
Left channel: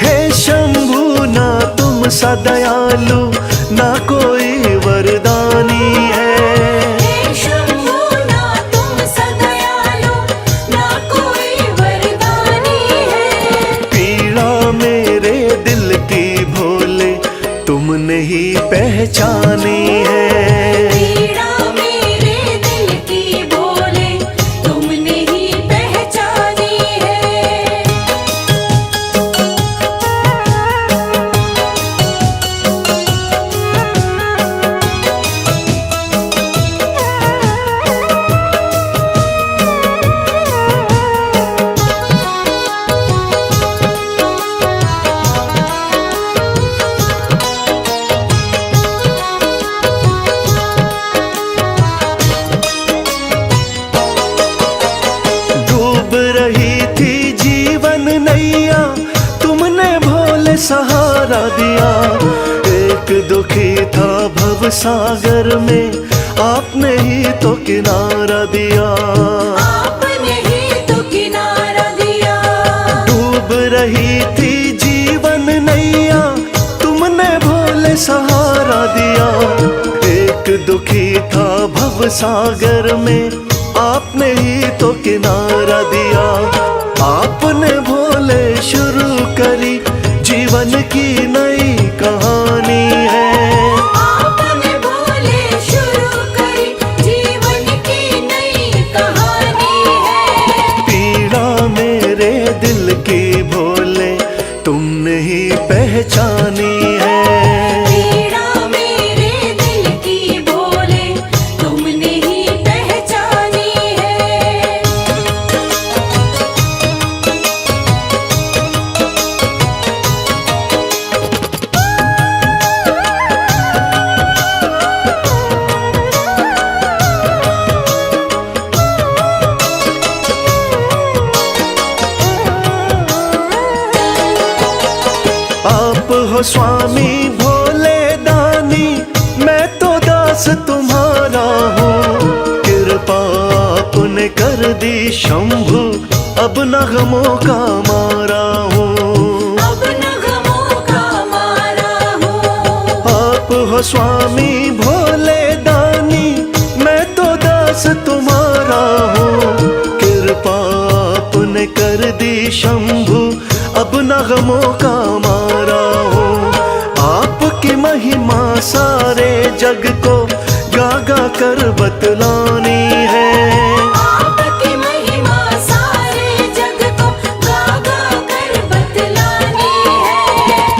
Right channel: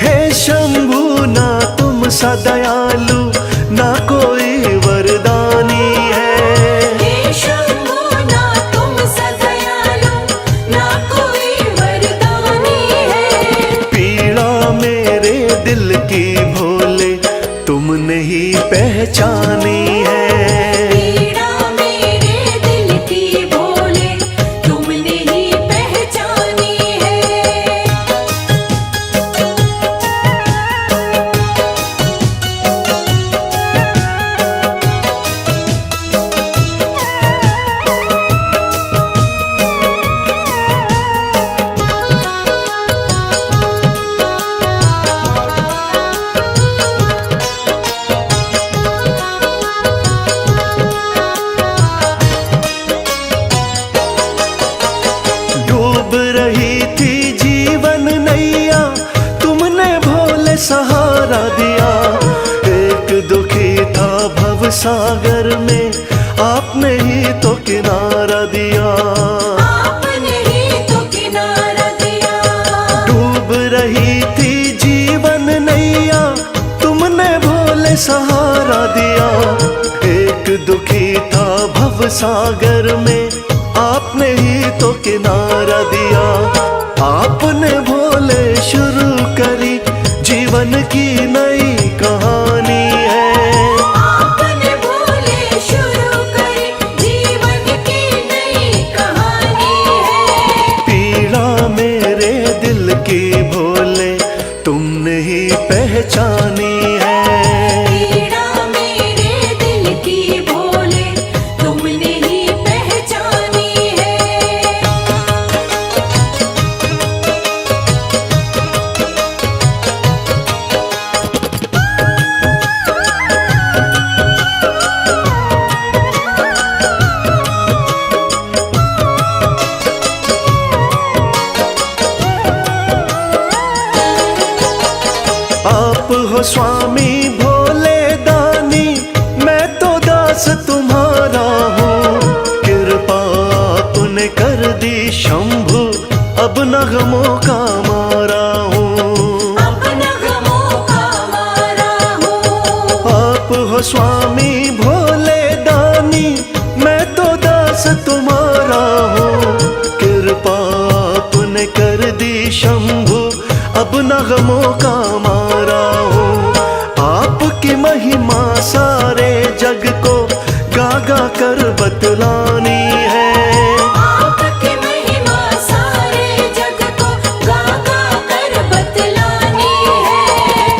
हे शंभु ना तुम सा दयालु ना कोई वरदानी है। हे शंभु ना तुम सदयालु ना कोई वरदानी है। पीड़ा मेरे दिल की भोले तुमने ही पहचानी है। पीड़ा मेरे दिल की भोले तुमने ही पहचानी है। डूब रही थी जीवन नैया तुमने भोले सहारा दिया। एक दुखी था भव सागर में आपने ही तो किनारा दिया। आपने ही तो किनारा दिया। डूब रही थी जीवन नैया तुमने भोले सहारा दिया। एक दुखी था भव सागर में आपने ही तो किनारा दिया। आपने भोले शुरू करी जीवन की नई कहानी है। आपने भोले शुरू करी जीवन की नई कहानी है। पीड़ा मेरे दिल की भोले तुमने ही पहचानी है। पीड़ा मेरे दिल की भोले तुमने ही पहचानी है। स्वामी भोले दानी, मैं तो दास तुम्हारा हूँ। कृपा आपने कर दी शंभु, अब नगमों का मारा हूँ। अब नगमों का मारा हूँ। आप हो स्वामी भोले दानी, मैं तो दास तुम्हारा हूँ। कृपा आपने कर दी शंभु, अब नगमों का मारा हूँ। आपकी महिमा सारे जग को गा गा कर बतलानी है। आपकी महिमा सारे जग को गा गा कर बतलानी है।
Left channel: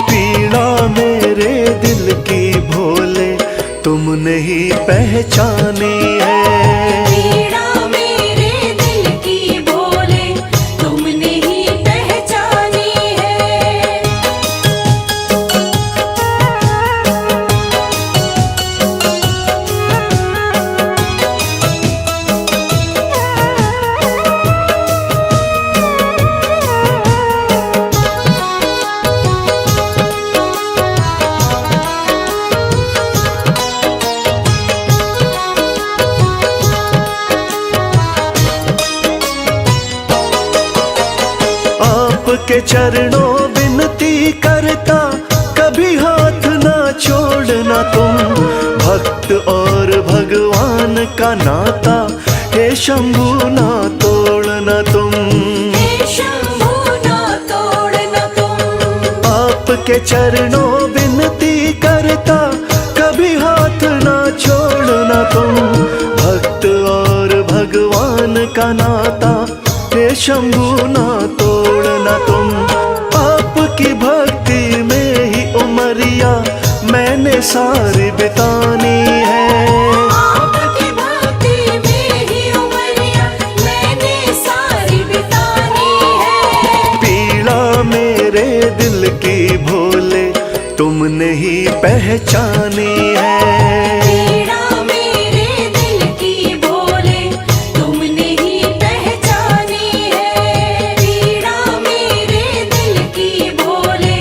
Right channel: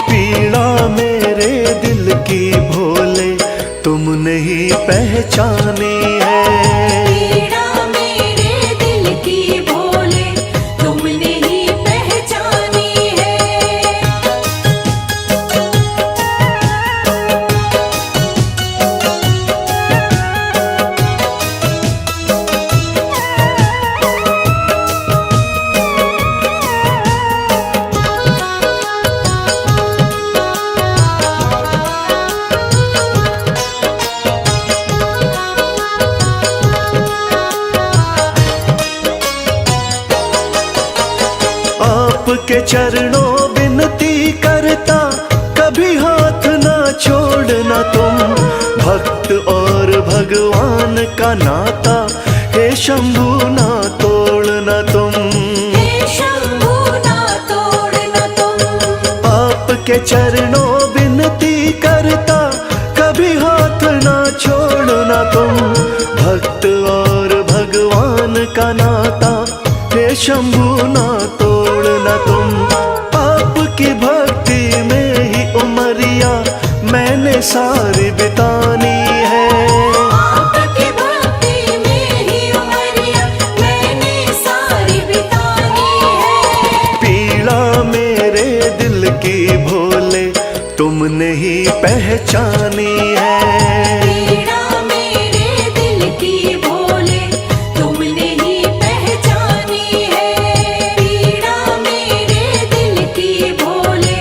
पीड़ा मेरे दिल की भोले तुमने ही पहचानी है। पीड़ा मेरे दिल की भोले तुमने ही पहचानी है। आपके चरणों विनती करता, कभी हाथ ना छोड़ना तुम। भक्त और भगवान का नाता, हे शंभु ना तोड़ना तुम। हे शंभु ना तोड़ना तुम। आपके चरणों विनती करता, कभी हाथ ना छोड़ना तुम। भक्त और भगवान का नाता, हे शंभु ना तोड़ना तुम। आपकी भक्ति में ही उमरिया मैंने सारी बितानी है। आपकी भक्ति में ही उमरिया मैंने सारी बितानी है। पीड़ा मेरे दिल की भोले तुमने ही पहचानी है। पीड़ा मेरे दिल की भोले तुमने ही पहचानी है। पीड़ा मेरे दिल की भोले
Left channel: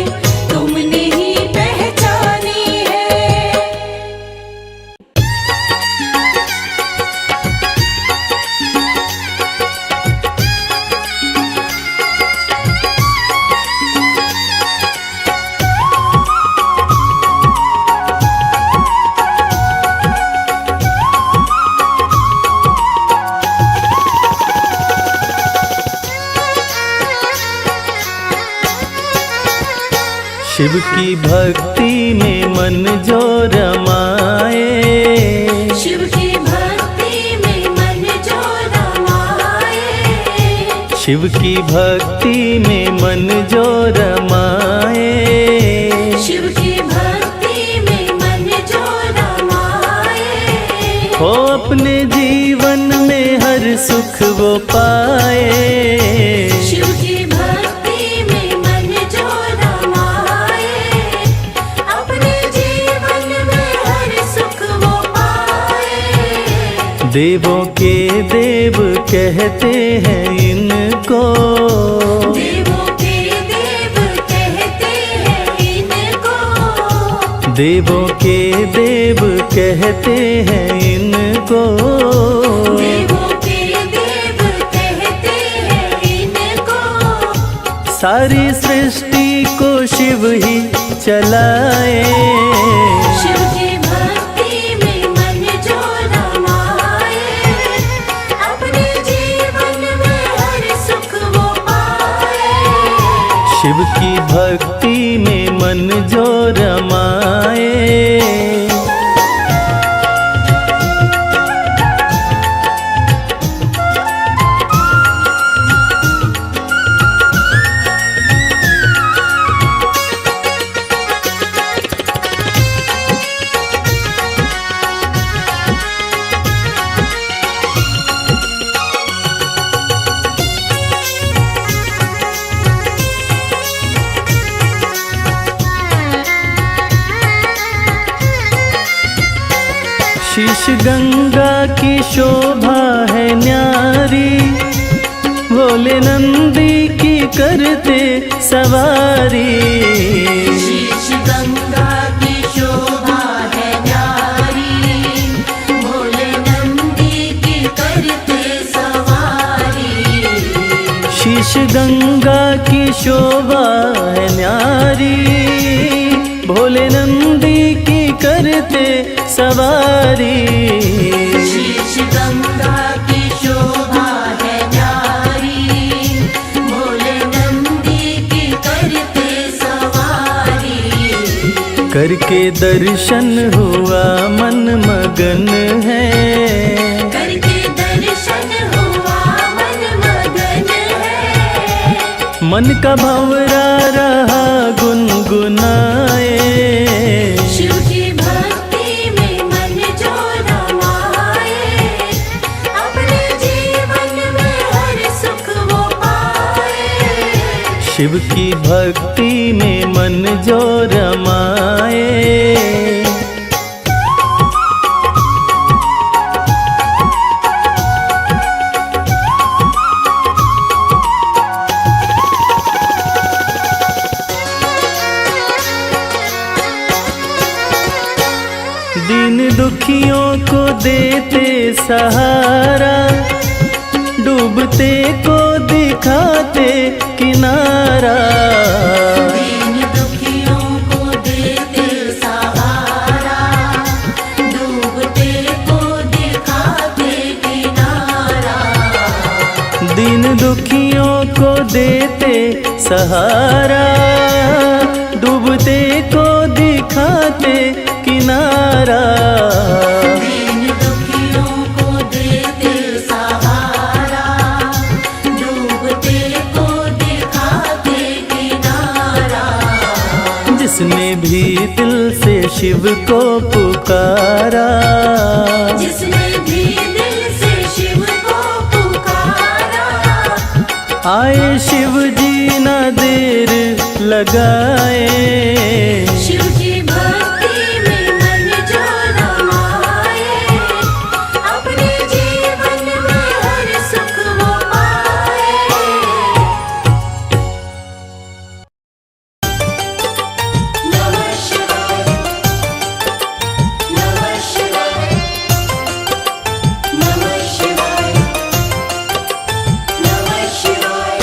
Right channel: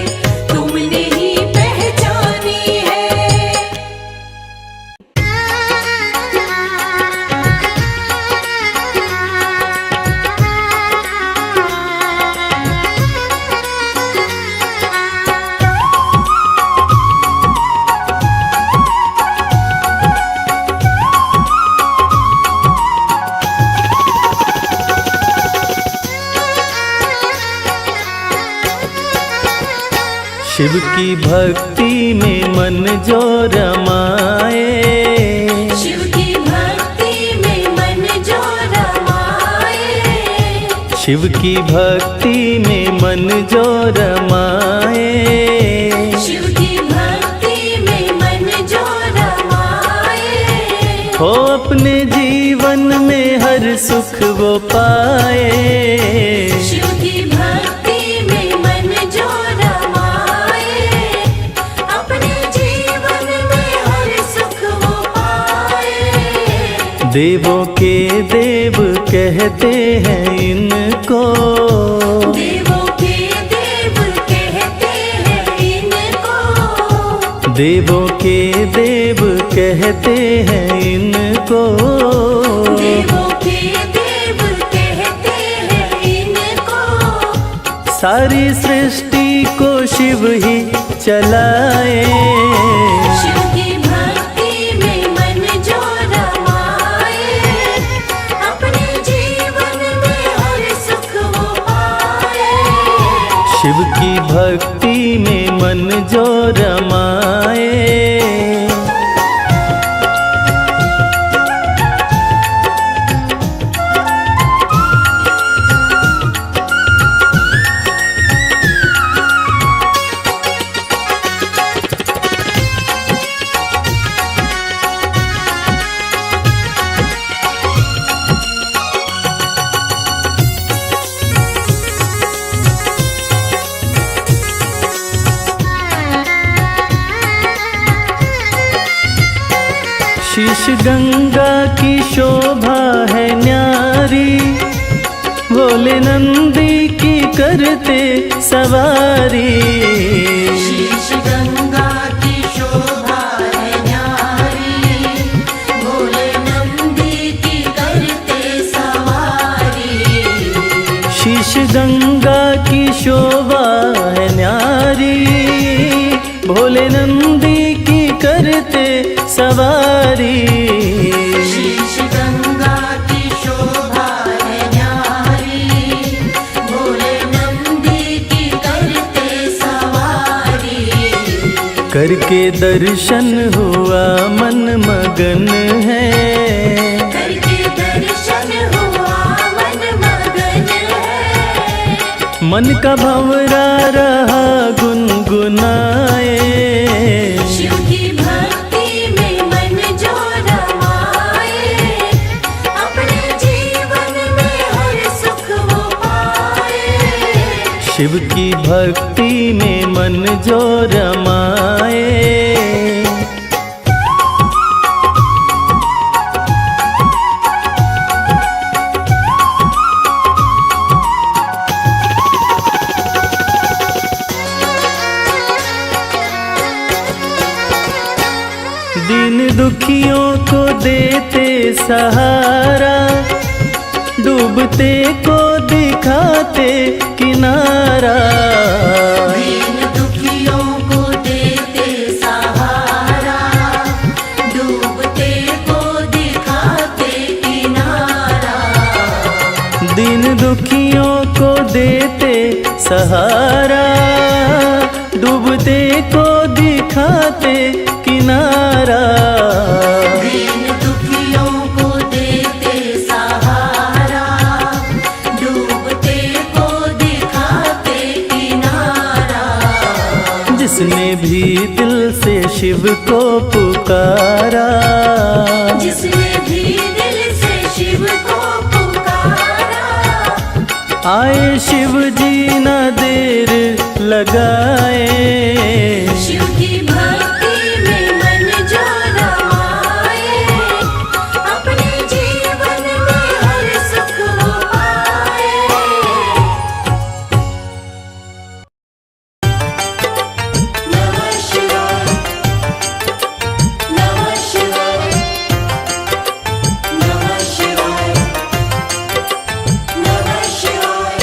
तुमने ही पहचानी है। शिव की भक्ति में मन जो रमाए, शिव की भक्ति में मन जो रमाए। शिव की भक्ति में मन जो रमाए। शिव की भक्ति में मन जो रमाए। हो अपने जीवन में हर सुख वो पाए। शिव की भक्ति में मन जो रमाए। अपने जीवन में हर सुख वो पाए। देवों के देव कहते हैं इनको, देवों के देव कहते हैं इनको। देवों के देव कहते हैं इनको। देवों के देव कहते हैं इनको। सारी सृष्टि को शिव ही चलाए। शिव की भक्ति में मन जो रमाए। अपने जीवन में हर सुख वो पाए। शिव की भक्ति में मन जो रमाए। शीश गंगा की शोभा है न्यारी, भोले नंदी की करते सवारी। शीश शीश गंगा की शोभा है न्यारी, भोले नंदी की करते सवारी। शीश गंगा की शोभा है न्यारी, भोले नंदी की करते सवारी। करके दर्शन हुआ मन मगन है, करके दर्शन हुआ मन मगन है। मन का भंवरा रहा गुनगुनाए। शिव की भक्ति में मन जो रमाए, अपने जीवन में हर सुख वो पाए। शिव की भक्ति में मन जो रमाए। दीन दुखियों को देते सहारा, डूबते को दिखाते किनारा। दीन दुखियों को देते सहारा, डूबते को दिखाते किनारा। दीन दुखियों को देते सहारा, डूबते को दिखाते किनारा। दीन दुखियों को देते सहारा, डूबते को दिखाते किनारा। जिसने भी दिल से शिव को पुकारा, जिसने भी दिल से शिव को पुकारा। आए शिव जी ना देर लगाए। शिव की भक्ति में मन जो रमाए, अपने जीवन में हर सुख वो पाए। नमः शिवाय, नमः शिवाय, नमः शिवाय, नमः शिवाय।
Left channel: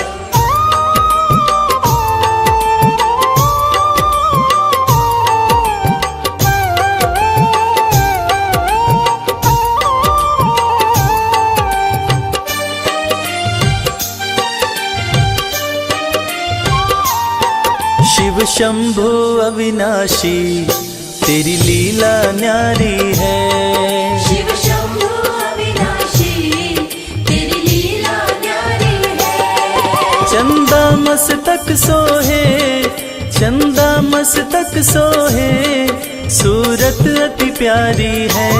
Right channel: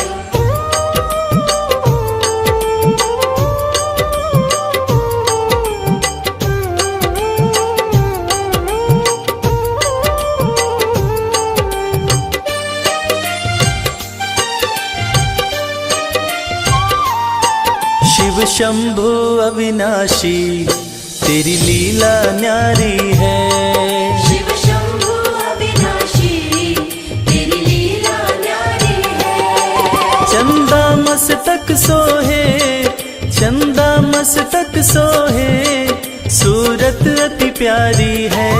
शिव शंभु अविनाशी तेरी लीला न्यारी है। शिव शंभु अविनाशी तेरी लीला न्यारी है। चंदा मस्तक सोहे, चंदा मस्तक सोहे, सूरत अति प्यारी है।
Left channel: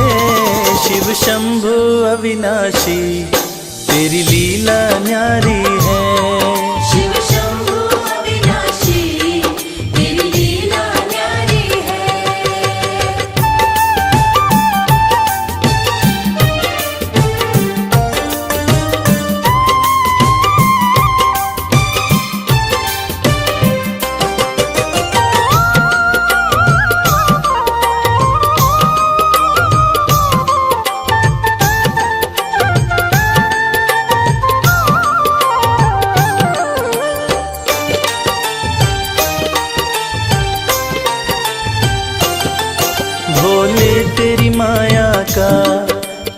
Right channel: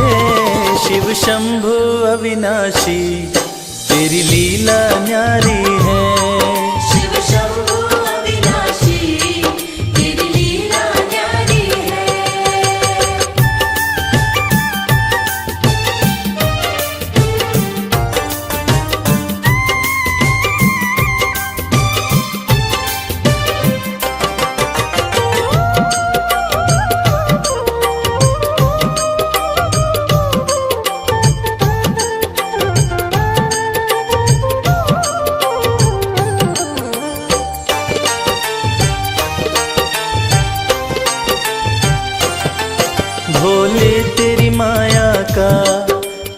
शिव शंभु अविनाशी तेरी लीला न्यारी है। शिव शंभु अविनाशी तेरी लीला न्यारी है। भोले तेरी माया का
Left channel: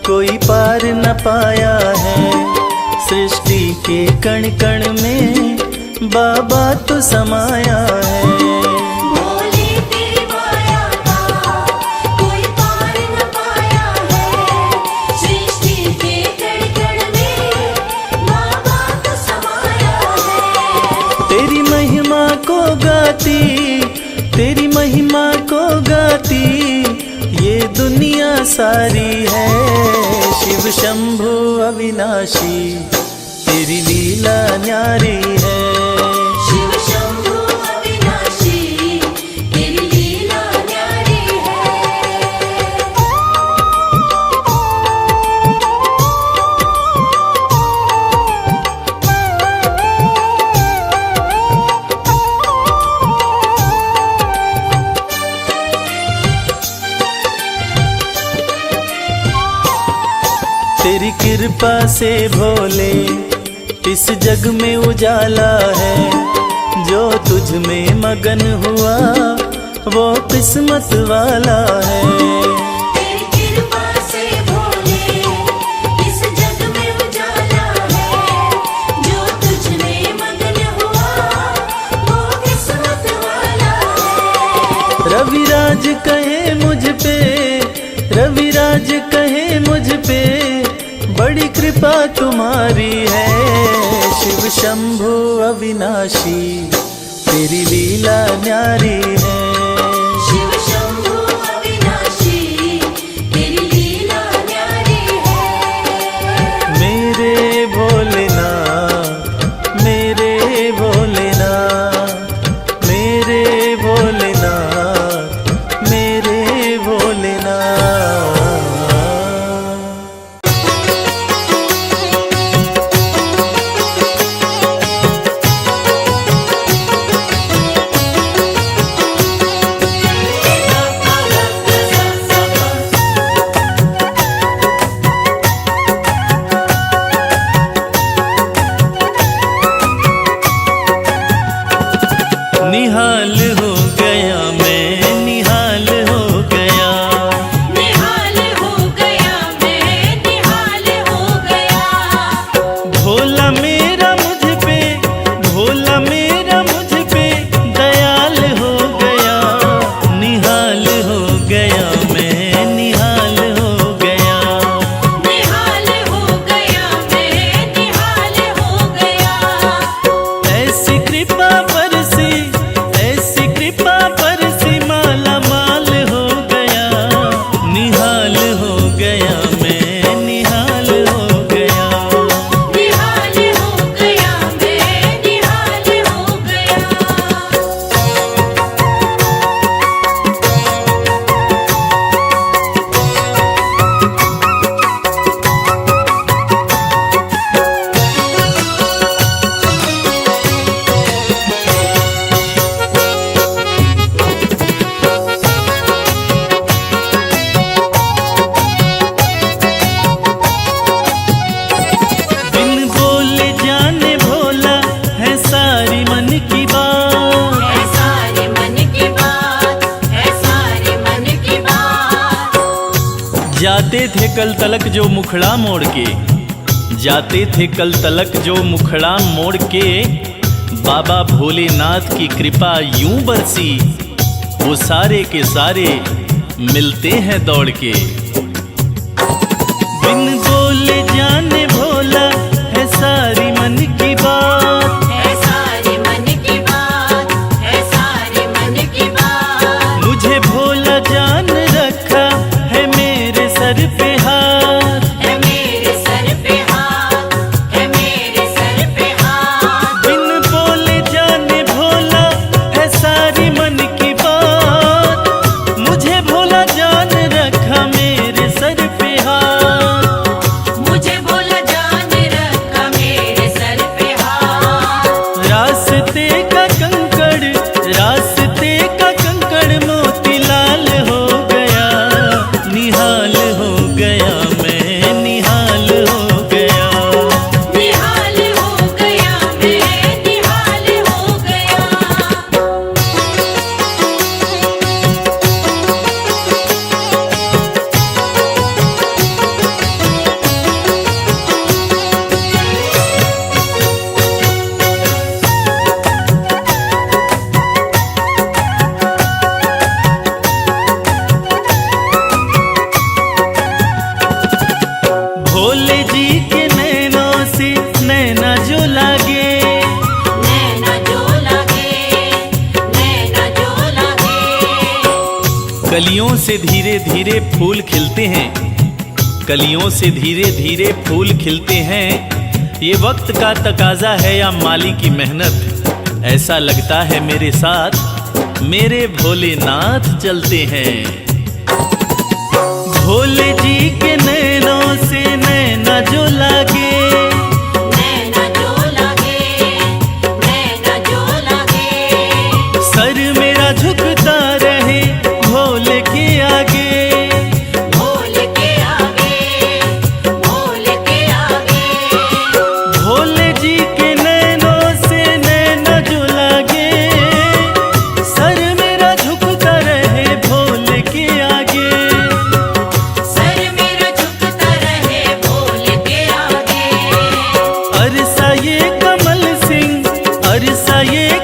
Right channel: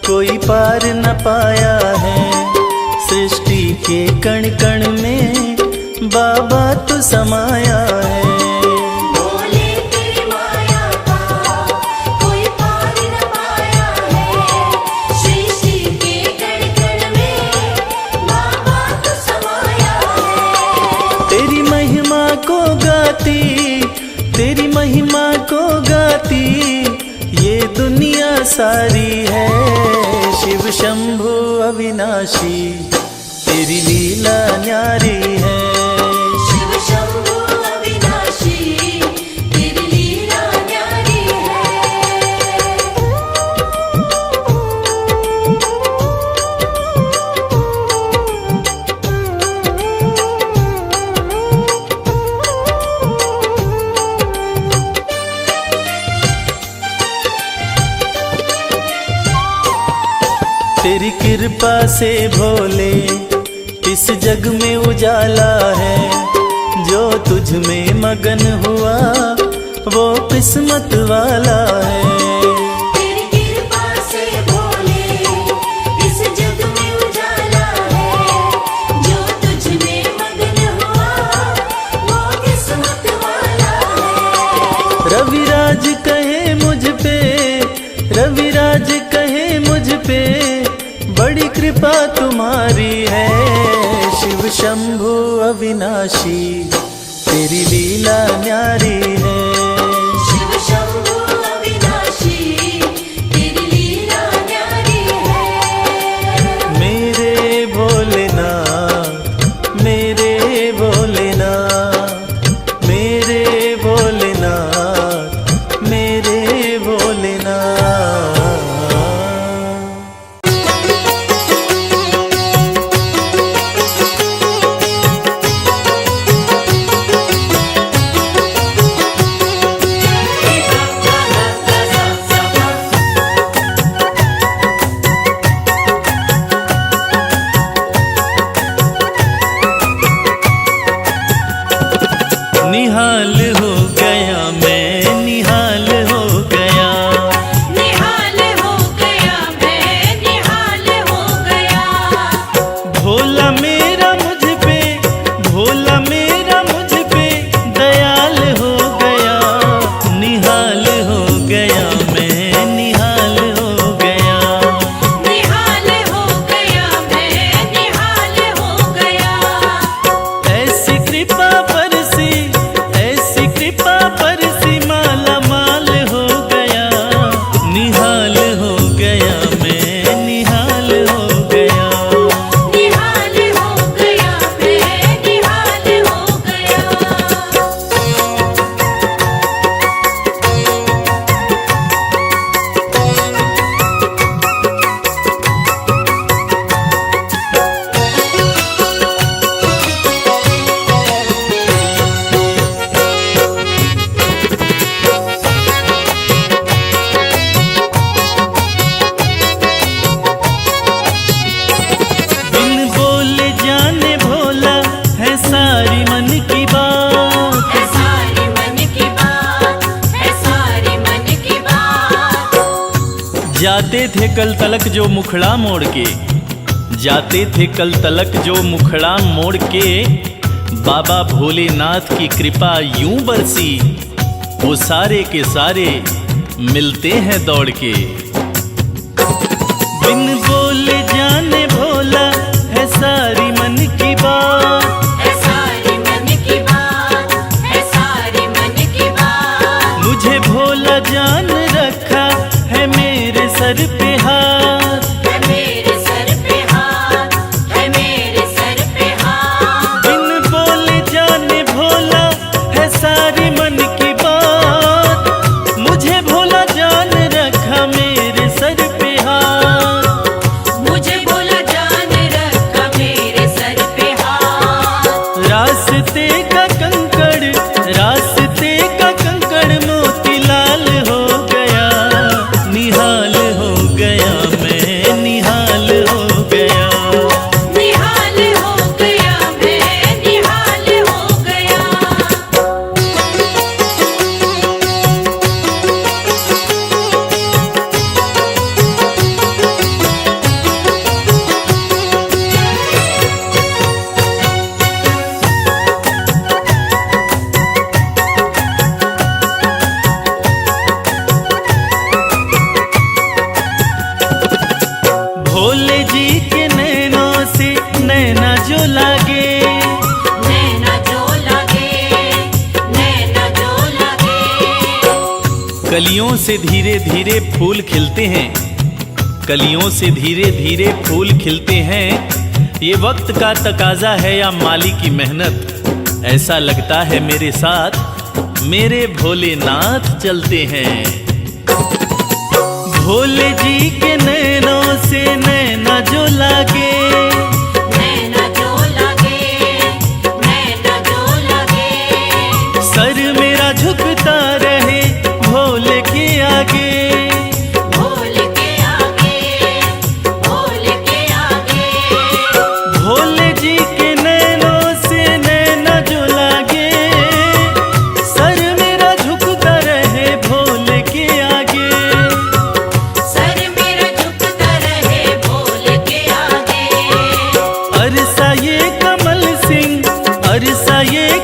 कोई पार न पाया है। सृष्टि के कण कण में बाबा तू समाया है। भोले तेरी माया का कोई पार न पाया है। सृष्टि के कण कण में बाबा तो समाया है। तेरी महिमा को गाती, तेरी महिमा को गाती ये दुनिया सारी है। शिव शंभु अविनाशी तेरी लीला न्यारी है। शिव शंभु अविनाशी तेरी लीला न्यारी है। तेरी कृपा से भोले इस जग में उजाला है, जो तुझ में मगन हुआ वो किस्मत वाला है। तेरी कृपा से भोले इस जग में उजाला है, जो तुझ में मगन हुआ वो किस्मत वाला है। रविराज कहे मुझ पे, रविराज कहे मुझ पे, बड़ी कृपा तुम्हारी है। शिव शंभु अविनाशी तेरी लीला न्यारी है। शिव शंभु अविनाशी तेरी लीला न्यारी है। मेरे भोलेनाथ, मेरे भोलेनाथ, मेरे भोलेनाथ, मेरे भोलेनाथ। निहाल हो गया मैं, निहाल हो गया, निहाल हो गया मैं, निहाल हो गया। भोला मेरा मुझ पे, भोला मेरा मुझ पे दयाल हो गया। निहाल हो गया मैं, निहाल हो गया। निहाल हो गया मैं, निहाल हो गया। ऐसी कृपा बरसी, ऐसी कृपा बरसी, माला माल हो गया। निहाल हो गया मैं, निहाल हो गया। निहाल हो गया मैं, निहाल हो गया। बिन बोले जाने भोला है सारी मन की बात। है सारी मन की बात, है सारी मन की बात। जाते थे कल तलक जो मुखड़ा मोड़ के, जाते थे कल तलक जो मुखड़ा मोड़ के, बाबा भोलेनाथ की कृपा यूं बरसी, वो सारे के सारे मिलते हैं दौड़ के। बिन बोले जाने भोला है सारी मन की बात। है सारी मन की बात, है सारी मन की बात। मुझे भोला जान रखा है मेरे सर पे हाथ। है मेरे सर पे हाथ, है मेरे सर पे हाथ। बिन बोले जाने भोला है सारी मन की बात। मुझे भोला जान रखा मेरे सर पे हाथ। मुझे भोला जान रखा मेरे सर पे हाथ। रास्ते का कंकड़, रास्ते का कंकड़ मोतीलाल हो गया। निहाल हो गया मैं, निहाल हो गया। निहाल हो गया मैं, निहाल हो गया। भोले जी के नैनों से नैना जो लागे, नैना जो लागे, नैना जो लागे। कलियों से धीरे धीरे फूल खिलते हैं, कलियों से धीरे धीरे फूल खिलते हैं। ये वक्त का तकाजा है या माली की मेहनत, ऐसा लगता है मेरे साथ मेरे भोलेनाथ चलते हैं। भोले जी के नैनों से नैना जो लागे, नैना जो लागे, नैना जो लागे। सर मेरा झुकता रहे भोले के आगे। भोले के आगे, भोले के आगे। भोले जी ये